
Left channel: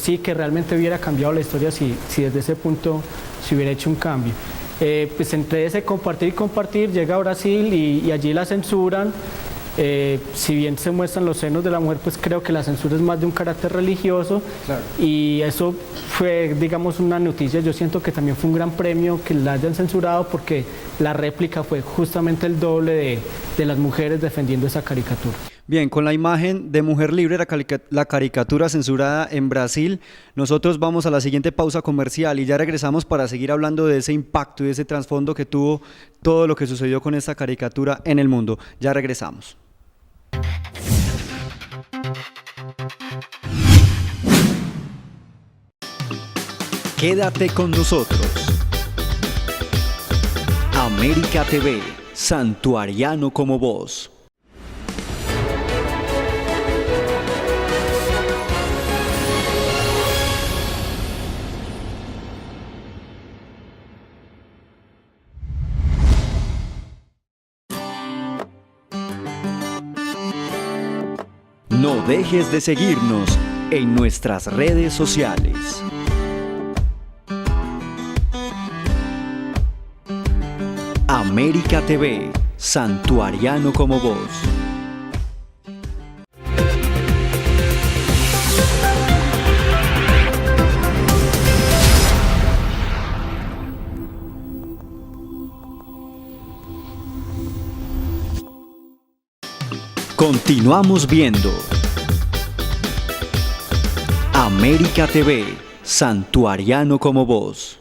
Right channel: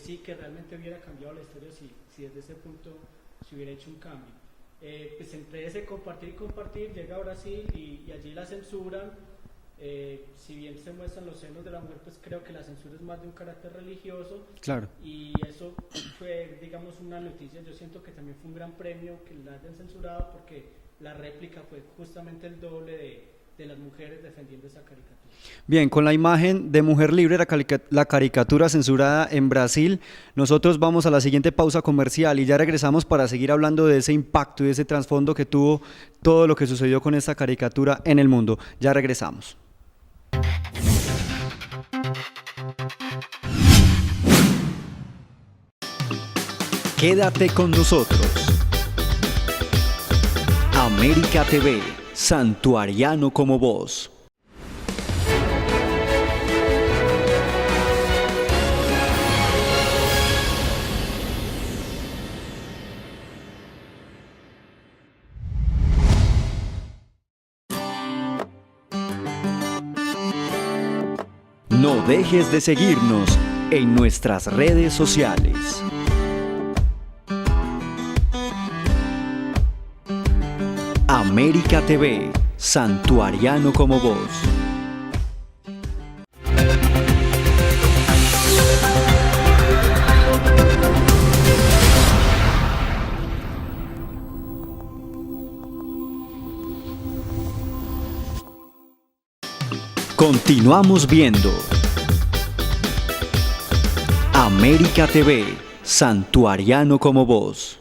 sí, que realmente hubiera cambiado la historia si desde ese punto se hubiera hecho un cambio. Pues entre ese compartir y compartir llega a Brasil y allí la censuran. Si bien se muestran los senos de la mujer, pues creo que la censura es más de un carácter religioso, claro. Y eso fue, digamos, una noticia. Yo siento que también fue un gran premio que la hayan censurado, porque la réplica fue justamente el doble de las mujeres defendiendo esa caricatura. Bien, con la imagen de Mujer Libre, la caricatura censurada en Brasil, nosotros vamos a la siguiente pausa comercial y ya regresamos para seguir hablando de ese impacto y de ese trasfondo que tuvo todo lo que sucedió con esta caricatura en el mundo. Ya regresamos. Quédate con nosotros. América TV, santuariano como vos. No dejes de seguirnos en nuestras redes sociales. América TV, santuariano como vos. Continuamos viendo América TV, santuariano como vos.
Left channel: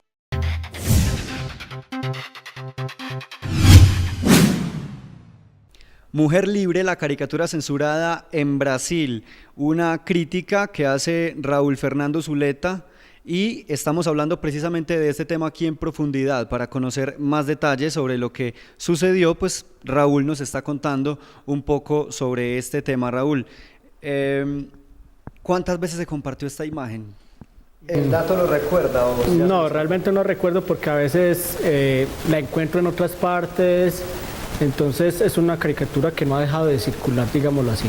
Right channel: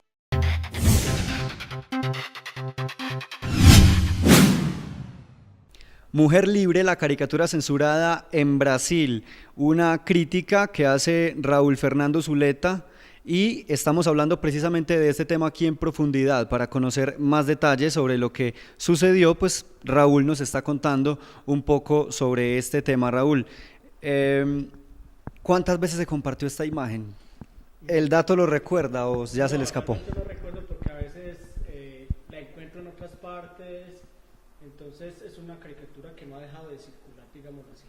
Mujer Libre, la caricatura censurada en Brasil, una crítica que hace Raúl Fernando Zuleta, y estamos hablando precisamente de este tema aquí en profundidad. Para conocer más detalles sobre lo que sucedió, pues Raúl nos está contando un poco sobre este tema. Raúl, ¿cuántas veces se compartió esta imagen? ¿El dato lo recuerda o ya no, realmente no recuerdo, porque a veces la encuentro en otras partes. Entonces es una caricatura que no ha dejado de circular, digámoslo así.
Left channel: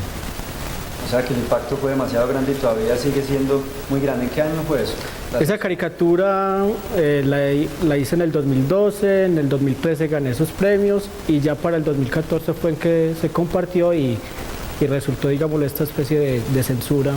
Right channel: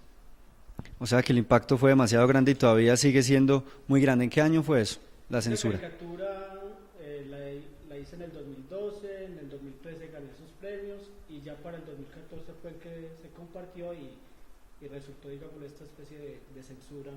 O sea que el impacto fue demasiado grande y todavía sigue siendo muy grande. ¿En qué año fue eso? Esa caricatura la hice en el 2012, en el 2013 gané esos premios, y ya para el 2014 fue en que se compartió y resultó, digámoslo, esta especie de censura.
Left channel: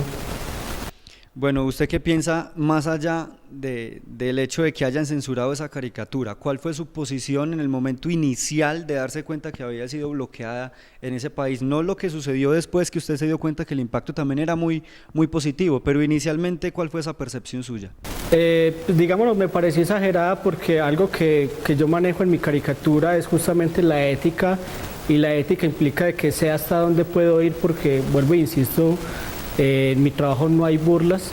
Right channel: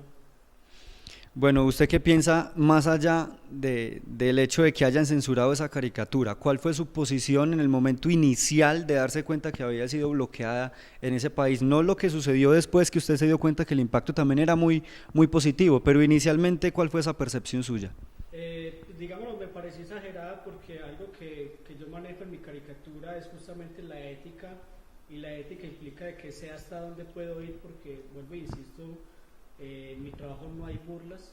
Bueno, ¿usted qué piensa más allá del hecho de que hayan censurado esa caricatura? ¿Cuál fue su posición en el momento inicial de darse cuenta que había sido bloqueada en ese país? No lo que sucedió después, que usted se dio cuenta que el impacto también era muy positivo, pero inicialmente, ¿cuál fue esa percepción suya? Digámoslo, me pareció exagerada, porque algo que yo manejo en mi caricatura es justamente la ética, y la ética implica de que sé hasta dónde puedo ir, porque, vuelvo e insisto, en mi trabajo no hay burlas.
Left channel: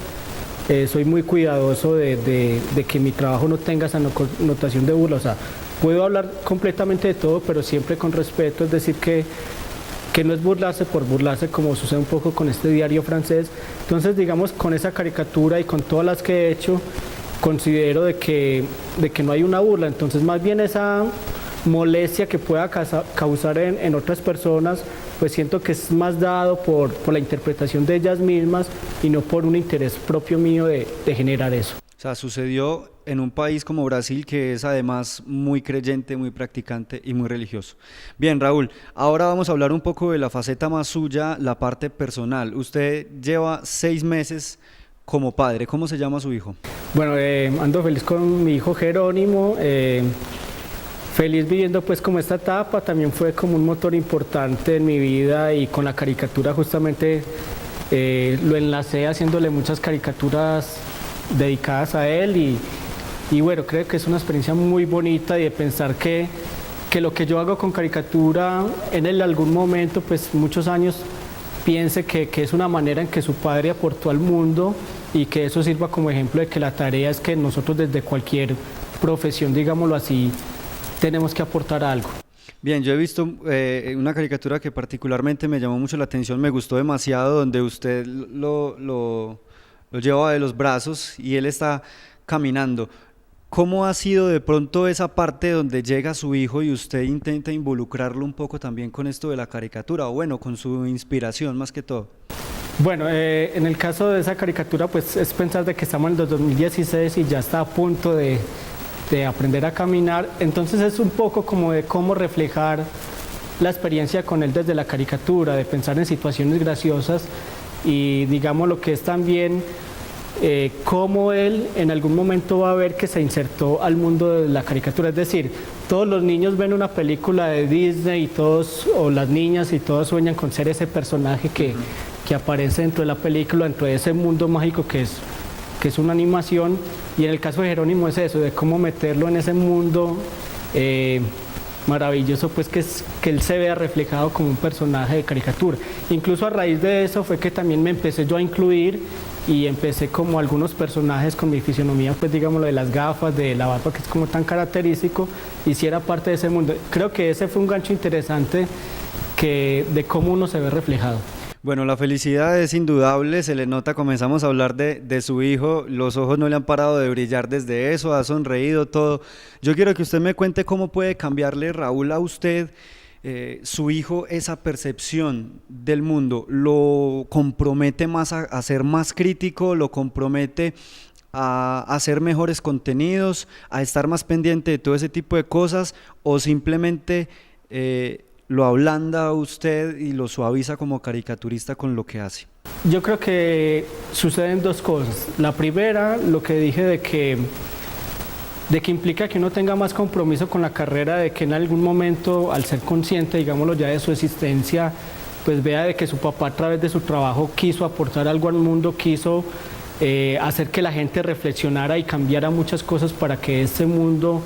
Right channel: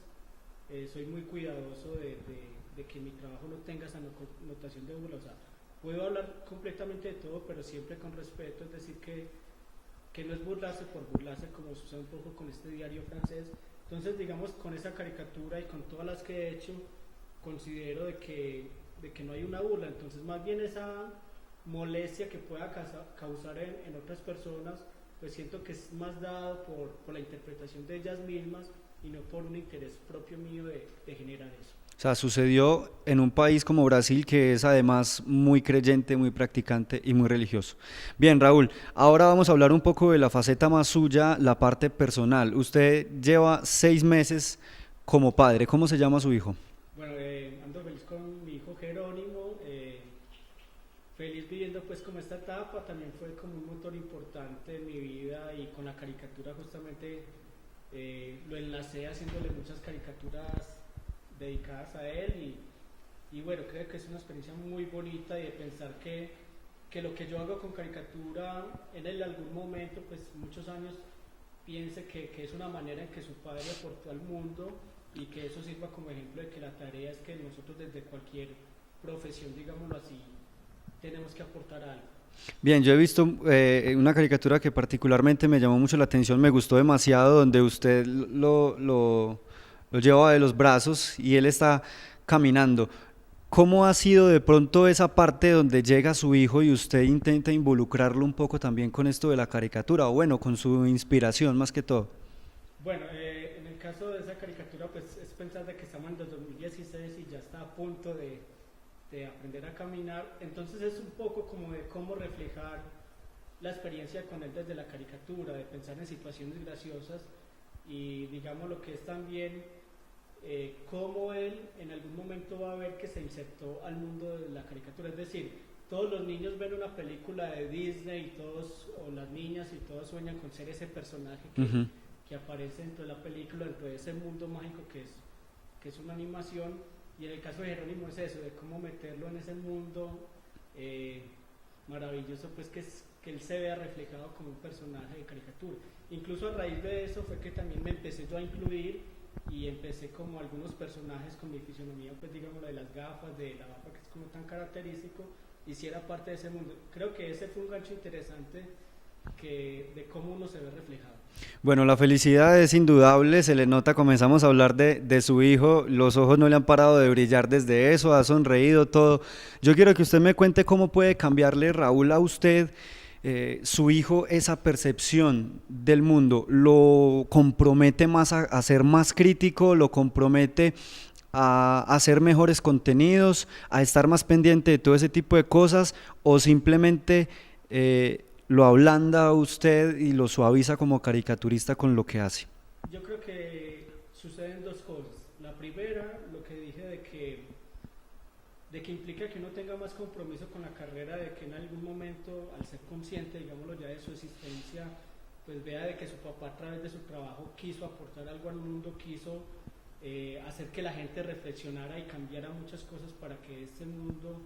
Soy muy cuidadoso de que mi trabajo no tenga esa connotación de burla. O sea, puedo hablar completamente de todo, pero siempre con respeto, es decir, que no es burlarse por burlarse, como sucede un poco con este diario francés. Entonces, digamos, con esa caricatura y con todas las que he hecho, considero de que no hay una burla. Entonces, más bien esa molestia que pueda causar en otras personas, pues siento que es más dado por la interpretación de ellas mismas y no por un interés propio mío de generar eso. O sea, sucedió en un país como Brasil, que es además muy creyente, muy practicante y muy religioso. Bien, Raúl, ahora vamos a hablar un poco de la faceta más suya, la parte personal. Usted lleva 6 meses como padre. ¿Cómo se llama su hijo? Bueno, ando feliz con mi hijo Jerónimo, feliz viviendo pues como esta etapa. También fue como un motor importante en mi vida, y con la caricatura justamente lo enlacé haciéndole muchas caricaturas dedicadas a él, y bueno, creo que es una experiencia muy bonita, y de pensar que lo que yo hago con caricatura en algún momento, pues muchos años, piense que es una manera en que su padre aportó al mundo, y que eso sirva como ejemplo de que la tarea es que nosotros desde cualquier profesión, digámoslo así, tenemos que aportar algo. Bien, yo he visto una caricatura que particularmente me llamó mucho la atención, me gustó demasiado, donde usted lo lleva de los brazos y él está caminando. ¿Cómo ha sido de pronto esa parte donde llega su hijo y usted intenta involucrarlo un poco también con esto de la caricatura, o bueno, con su inspiración más que todo? Bueno, en el caso de esa caricatura, pues es pensar de que estamos en el 2016 y ya está a punto de aprender a caminar. Entonces es un poco como de cómo reflejar la experiencia con él desde la caricatura, de pensar en situaciones graciosas, y digamos lo que es también cómo él en algún momento va a ver que se insertó al mundo de la caricatura. Es decir, todos los niños ven una película de Disney y todos, o las niñas, y todos sueñan con ser ese personaje que aparece dentro de la película, dentro de ese mundo mágico que es una animación. Y en el caso de Jerónimo es eso, de cómo meterlo en ese mundo maravilloso, pues que él se vea reflejado como un personaje de caricatura. Incluso a raíz de eso fue que también me empecé yo a incluir, y empecé como algunos personajes con mi fisionomía, pues digamos lo de las gafas, de la barba, que es como tan característico, hiciera parte de ese mundo. Creo que ese fue un gancho interesante de cómo uno se ve reflejado. Bueno, la felicidad es indudable, se le nota, comenzamos a hablar de su hijo, los ojos no le han parado de brillar desde eso, ha sonreído todo. Yo quiero que usted me cuente cómo puede cambiarle, Raúl, a usted, su hijo, esa percepción del mundo. ¿Lo compromete más a ser más crítico? ¿Lo compromete a hacer mejores contenidos, a estar más pendiente de todo ese tipo de cosas, o simplemente lo ablanda a usted y lo suaviza como caricaturista con lo que hace? Yo creo que suceden dos cosas. La primera, lo que dije de que implica que uno tenga más compromiso con la carrera, de que en algún momento, al ser consciente, digámoslo ya, de su existencia, pues vea de que su papá, a través de su trabajo, quiso aportar algo al mundo, quiso hacer que la gente reflexionara y cambiara muchas cosas para que este mundo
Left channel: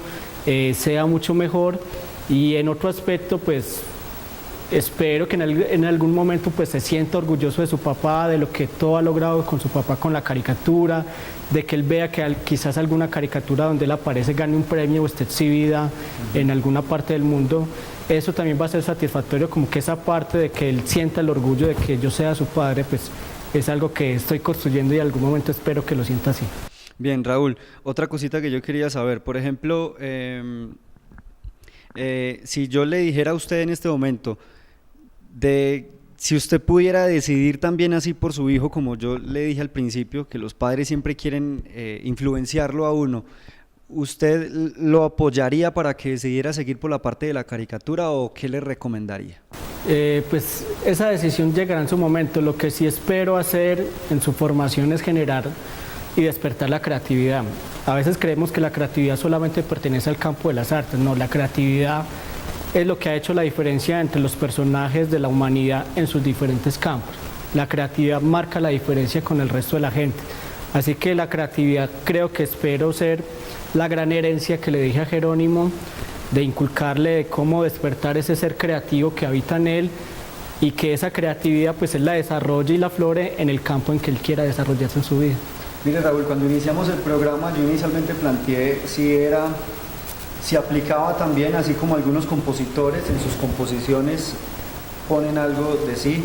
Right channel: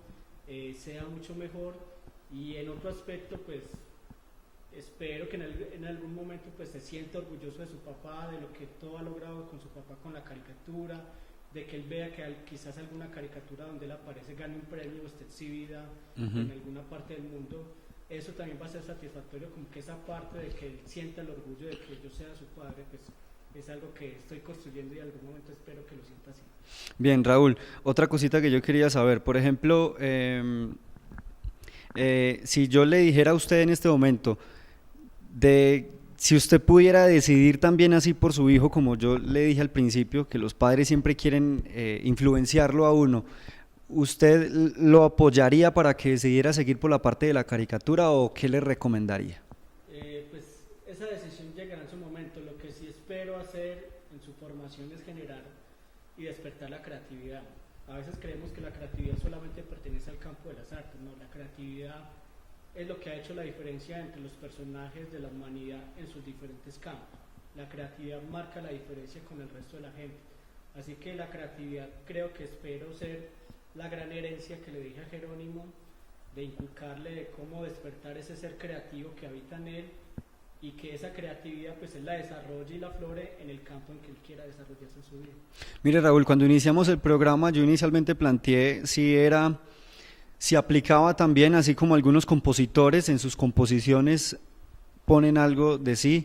sea mucho mejor. Y en otro aspecto, pues espero que en algún momento pues se sienta orgulloso de su papá, de lo que todo ha logrado con su papá con la caricatura, de que él vea que quizás alguna caricatura donde él aparece gane un premio o esté exhibida en alguna parte del mundo. Eso también va a ser satisfactorio, como que esa parte de que él sienta el orgullo de que yo sea su padre, pues es algo que estoy construyendo, y en algún momento espero que lo sienta así. Bien, Raúl, otra cosita que yo quería saber, por ejemplo, si yo le dijera a usted en este momento, si usted pudiera decidir también así por su hijo, como yo le dije al principio, que los padres siempre quieren influenciarlo a uno, ¿usted lo apoyaría para que decidiera seguir por la parte de la caricatura, o qué le recomendaría? Pues esa decisión llegará en su momento. Lo que sí espero hacer en su formación es generar y despertar la creatividad. A veces creemos que la creatividad solamente pertenece al campo de las artes. No, la creatividad es lo que ha hecho la diferencia entre los personajes de la humanidad en sus diferentes campos. La creatividad marca la diferencia con el resto de la gente. Así que la creatividad, creo que espero ser la gran herencia que le dije a Jerónimo, de inculcarle de cómo despertar ese ser creativo que habita en él, y que esa creatividad pues él la desarrolle y la flore en el campo en que él quiera desarrollarse en su vida. Mire, Raúl, cuando iniciamos el programa yo inicialmente planteé si era si aplicaba también, así como algunos compositores en sus composiciones ponen algo de sí,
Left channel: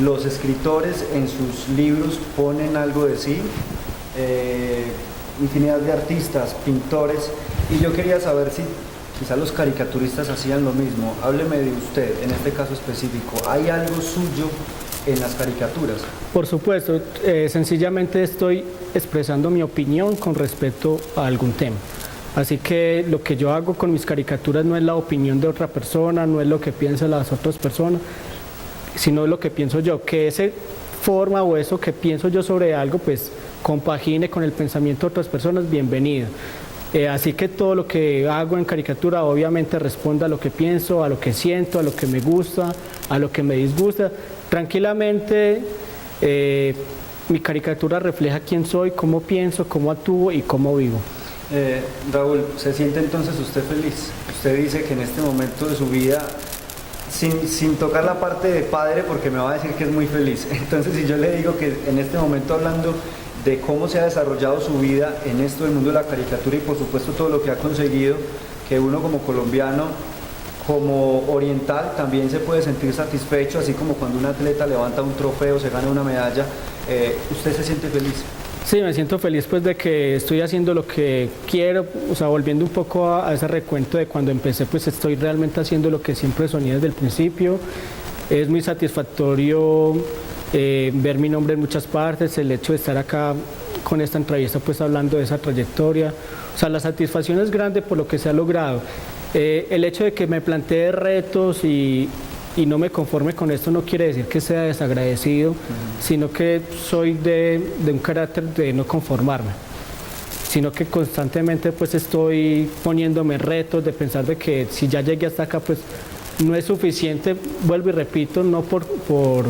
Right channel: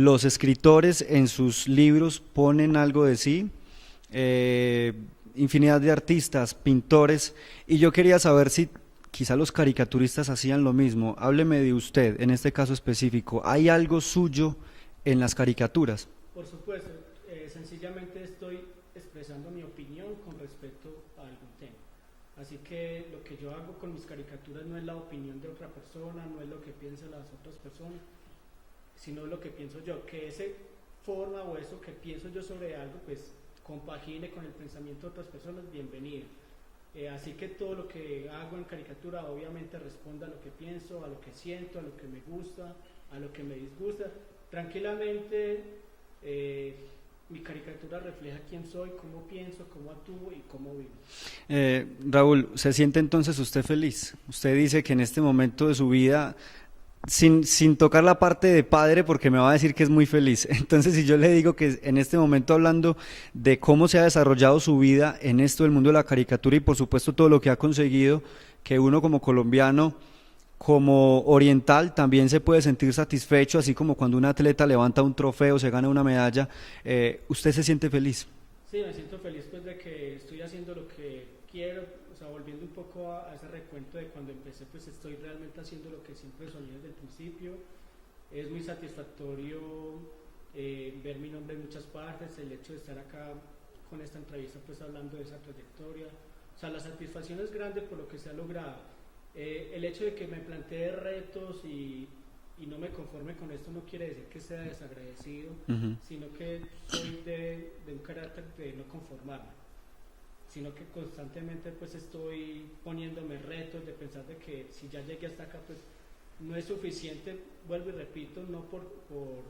los escritores en sus libros ponen algo de sí, infinidad de artistas, pintores, y yo quería saber si quizá los caricaturistas hacían lo mismo. Hábleme de usted, en este caso específico, ¿hay algo suyo en las caricaturas? Por supuesto, sencillamente estoy expresando mi opinión con respecto a algún tema. Así que lo que yo hago con mis caricaturas no es la opinión de otra persona, no es lo que piensan las otras personas, sino lo que pienso yo. Que esa forma o eso que pienso yo sobre algo, pues compagine con el pensamiento de otras personas, bienvenido. Así que todo lo que hago en caricatura obviamente responde a lo que pienso, a lo que siento, a lo que me gusta, a lo que me disgusta. Tranquilamente, mi caricatura refleja quién soy, cómo pienso, cómo actúo y cómo vivo. Raúl, ¿se siente entonces usted feliz? Usted dice que en este momento de su vida, sin tocar la parte de padre, porque me va a decir que es muy feliz, entonces si yo le digo que en este momento, hablando de cómo se ha desarrollado su vida en esto del mundo de la caricatura y por supuesto todo lo que ha conseguido, que uno como colombiano, como oriental, también se puede sentir satisfecho, así como cuando un atleta levanta un trofeo, se gana una medalla, ¿usted se siente feliz? Sí, me siento feliz pues de que estoy haciendo lo que quiero, o sea, volviendo un poco a ese recuento de cuando empecé, pues estoy realmente haciendo lo que siempre soñé desde el principio. Es muy satisfactorio ver mi nombre en muchas partes, el hecho de estar acá con esta entrevista pues hablando de esa trayectoria, o sea, la satisfacción es grande por lo que se ha logrado. El hecho de que me plantee retos y no me conforme con esto no quiere decir que sea desagradecido, sino que soy de un carácter de no conformarme, sino que constantemente pues estoy poniéndome retos de pensar de que si ya llegué hasta acá pues no es suficiente, vuelvo y repito, no por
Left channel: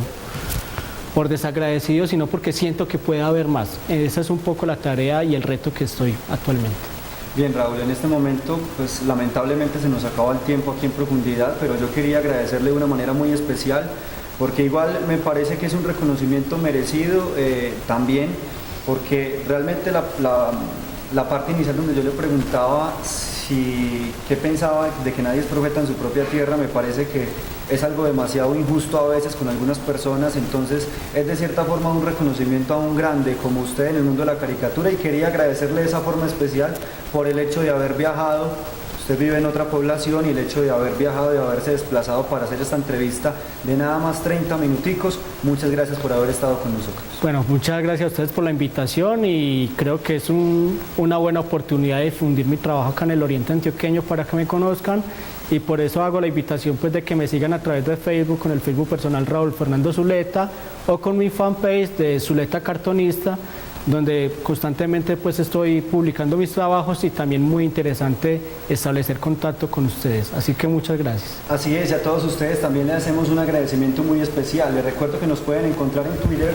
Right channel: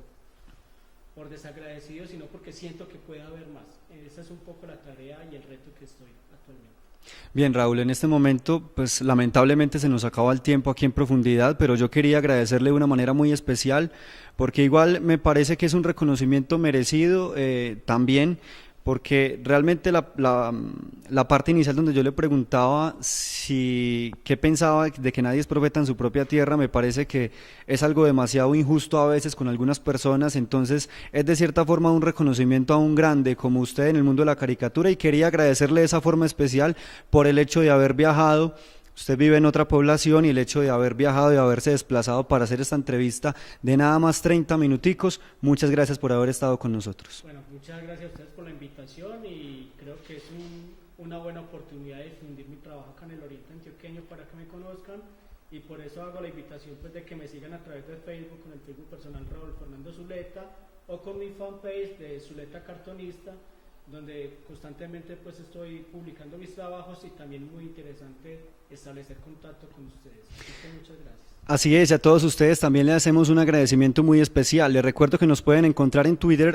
desagradecido, sino porque siento que puede haber más. Esa es un poco la tarea y el reto que estoy actualmente. Bien, Raúl, en este momento, pues lamentablemente se nos acaba el tiempo aquí en Profundidad, pero yo quería agradecerle de una manera muy especial, porque igual me parece que es un reconocimiento merecido también, porque realmente la parte inicial donde yo le preguntaba qué pensaba de que nadie es profeta en su propia tierra, me parece que es algo demasiado injusto a veces con algunas personas, entonces es de cierta forma un reconocimiento a un grande como usted en el mundo de la caricatura, y quería agradecerle de esa forma especial por el hecho de haber viajado. Usted vive en otra población y el hecho de haber viajado y haberse desplazado para hacer esta entrevista de nada más 30 minuticos, muchas gracias por haber estado con nosotros. Bueno, muchas gracias a ustedes por la invitación y creo que es una buena oportunidad de difundir mi trabajo acá en el Oriente Antioqueño para que me conozcan, y por eso hago la invitación pues de que me sigan a través de Facebook, con el Facebook personal Raúl Fernando Zuleta, o con mi fanpage de Zuleta Cartonista, donde constantemente pues estoy publicando mis trabajos y también muy interesante establecer contacto con ustedes. Así que muchas gracias. Así es, a todos ustedes también le hacemos un agradecimiento muy especial. Les recuerdo que nos pueden encontrar en Twitter,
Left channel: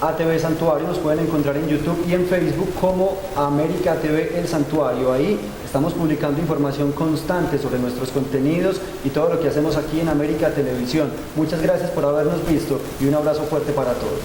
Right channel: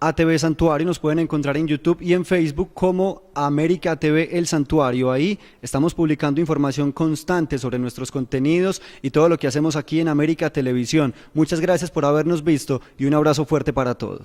@ATV Santuario, nos pueden encontrar en YouTube y en Facebook como América TV El Santuario. Ahí estamos publicando información constante sobre nuestros contenidos y todo lo que hacemos aquí en América Televisión. Muchas gracias por habernos visto y un abrazo fuerte para todos.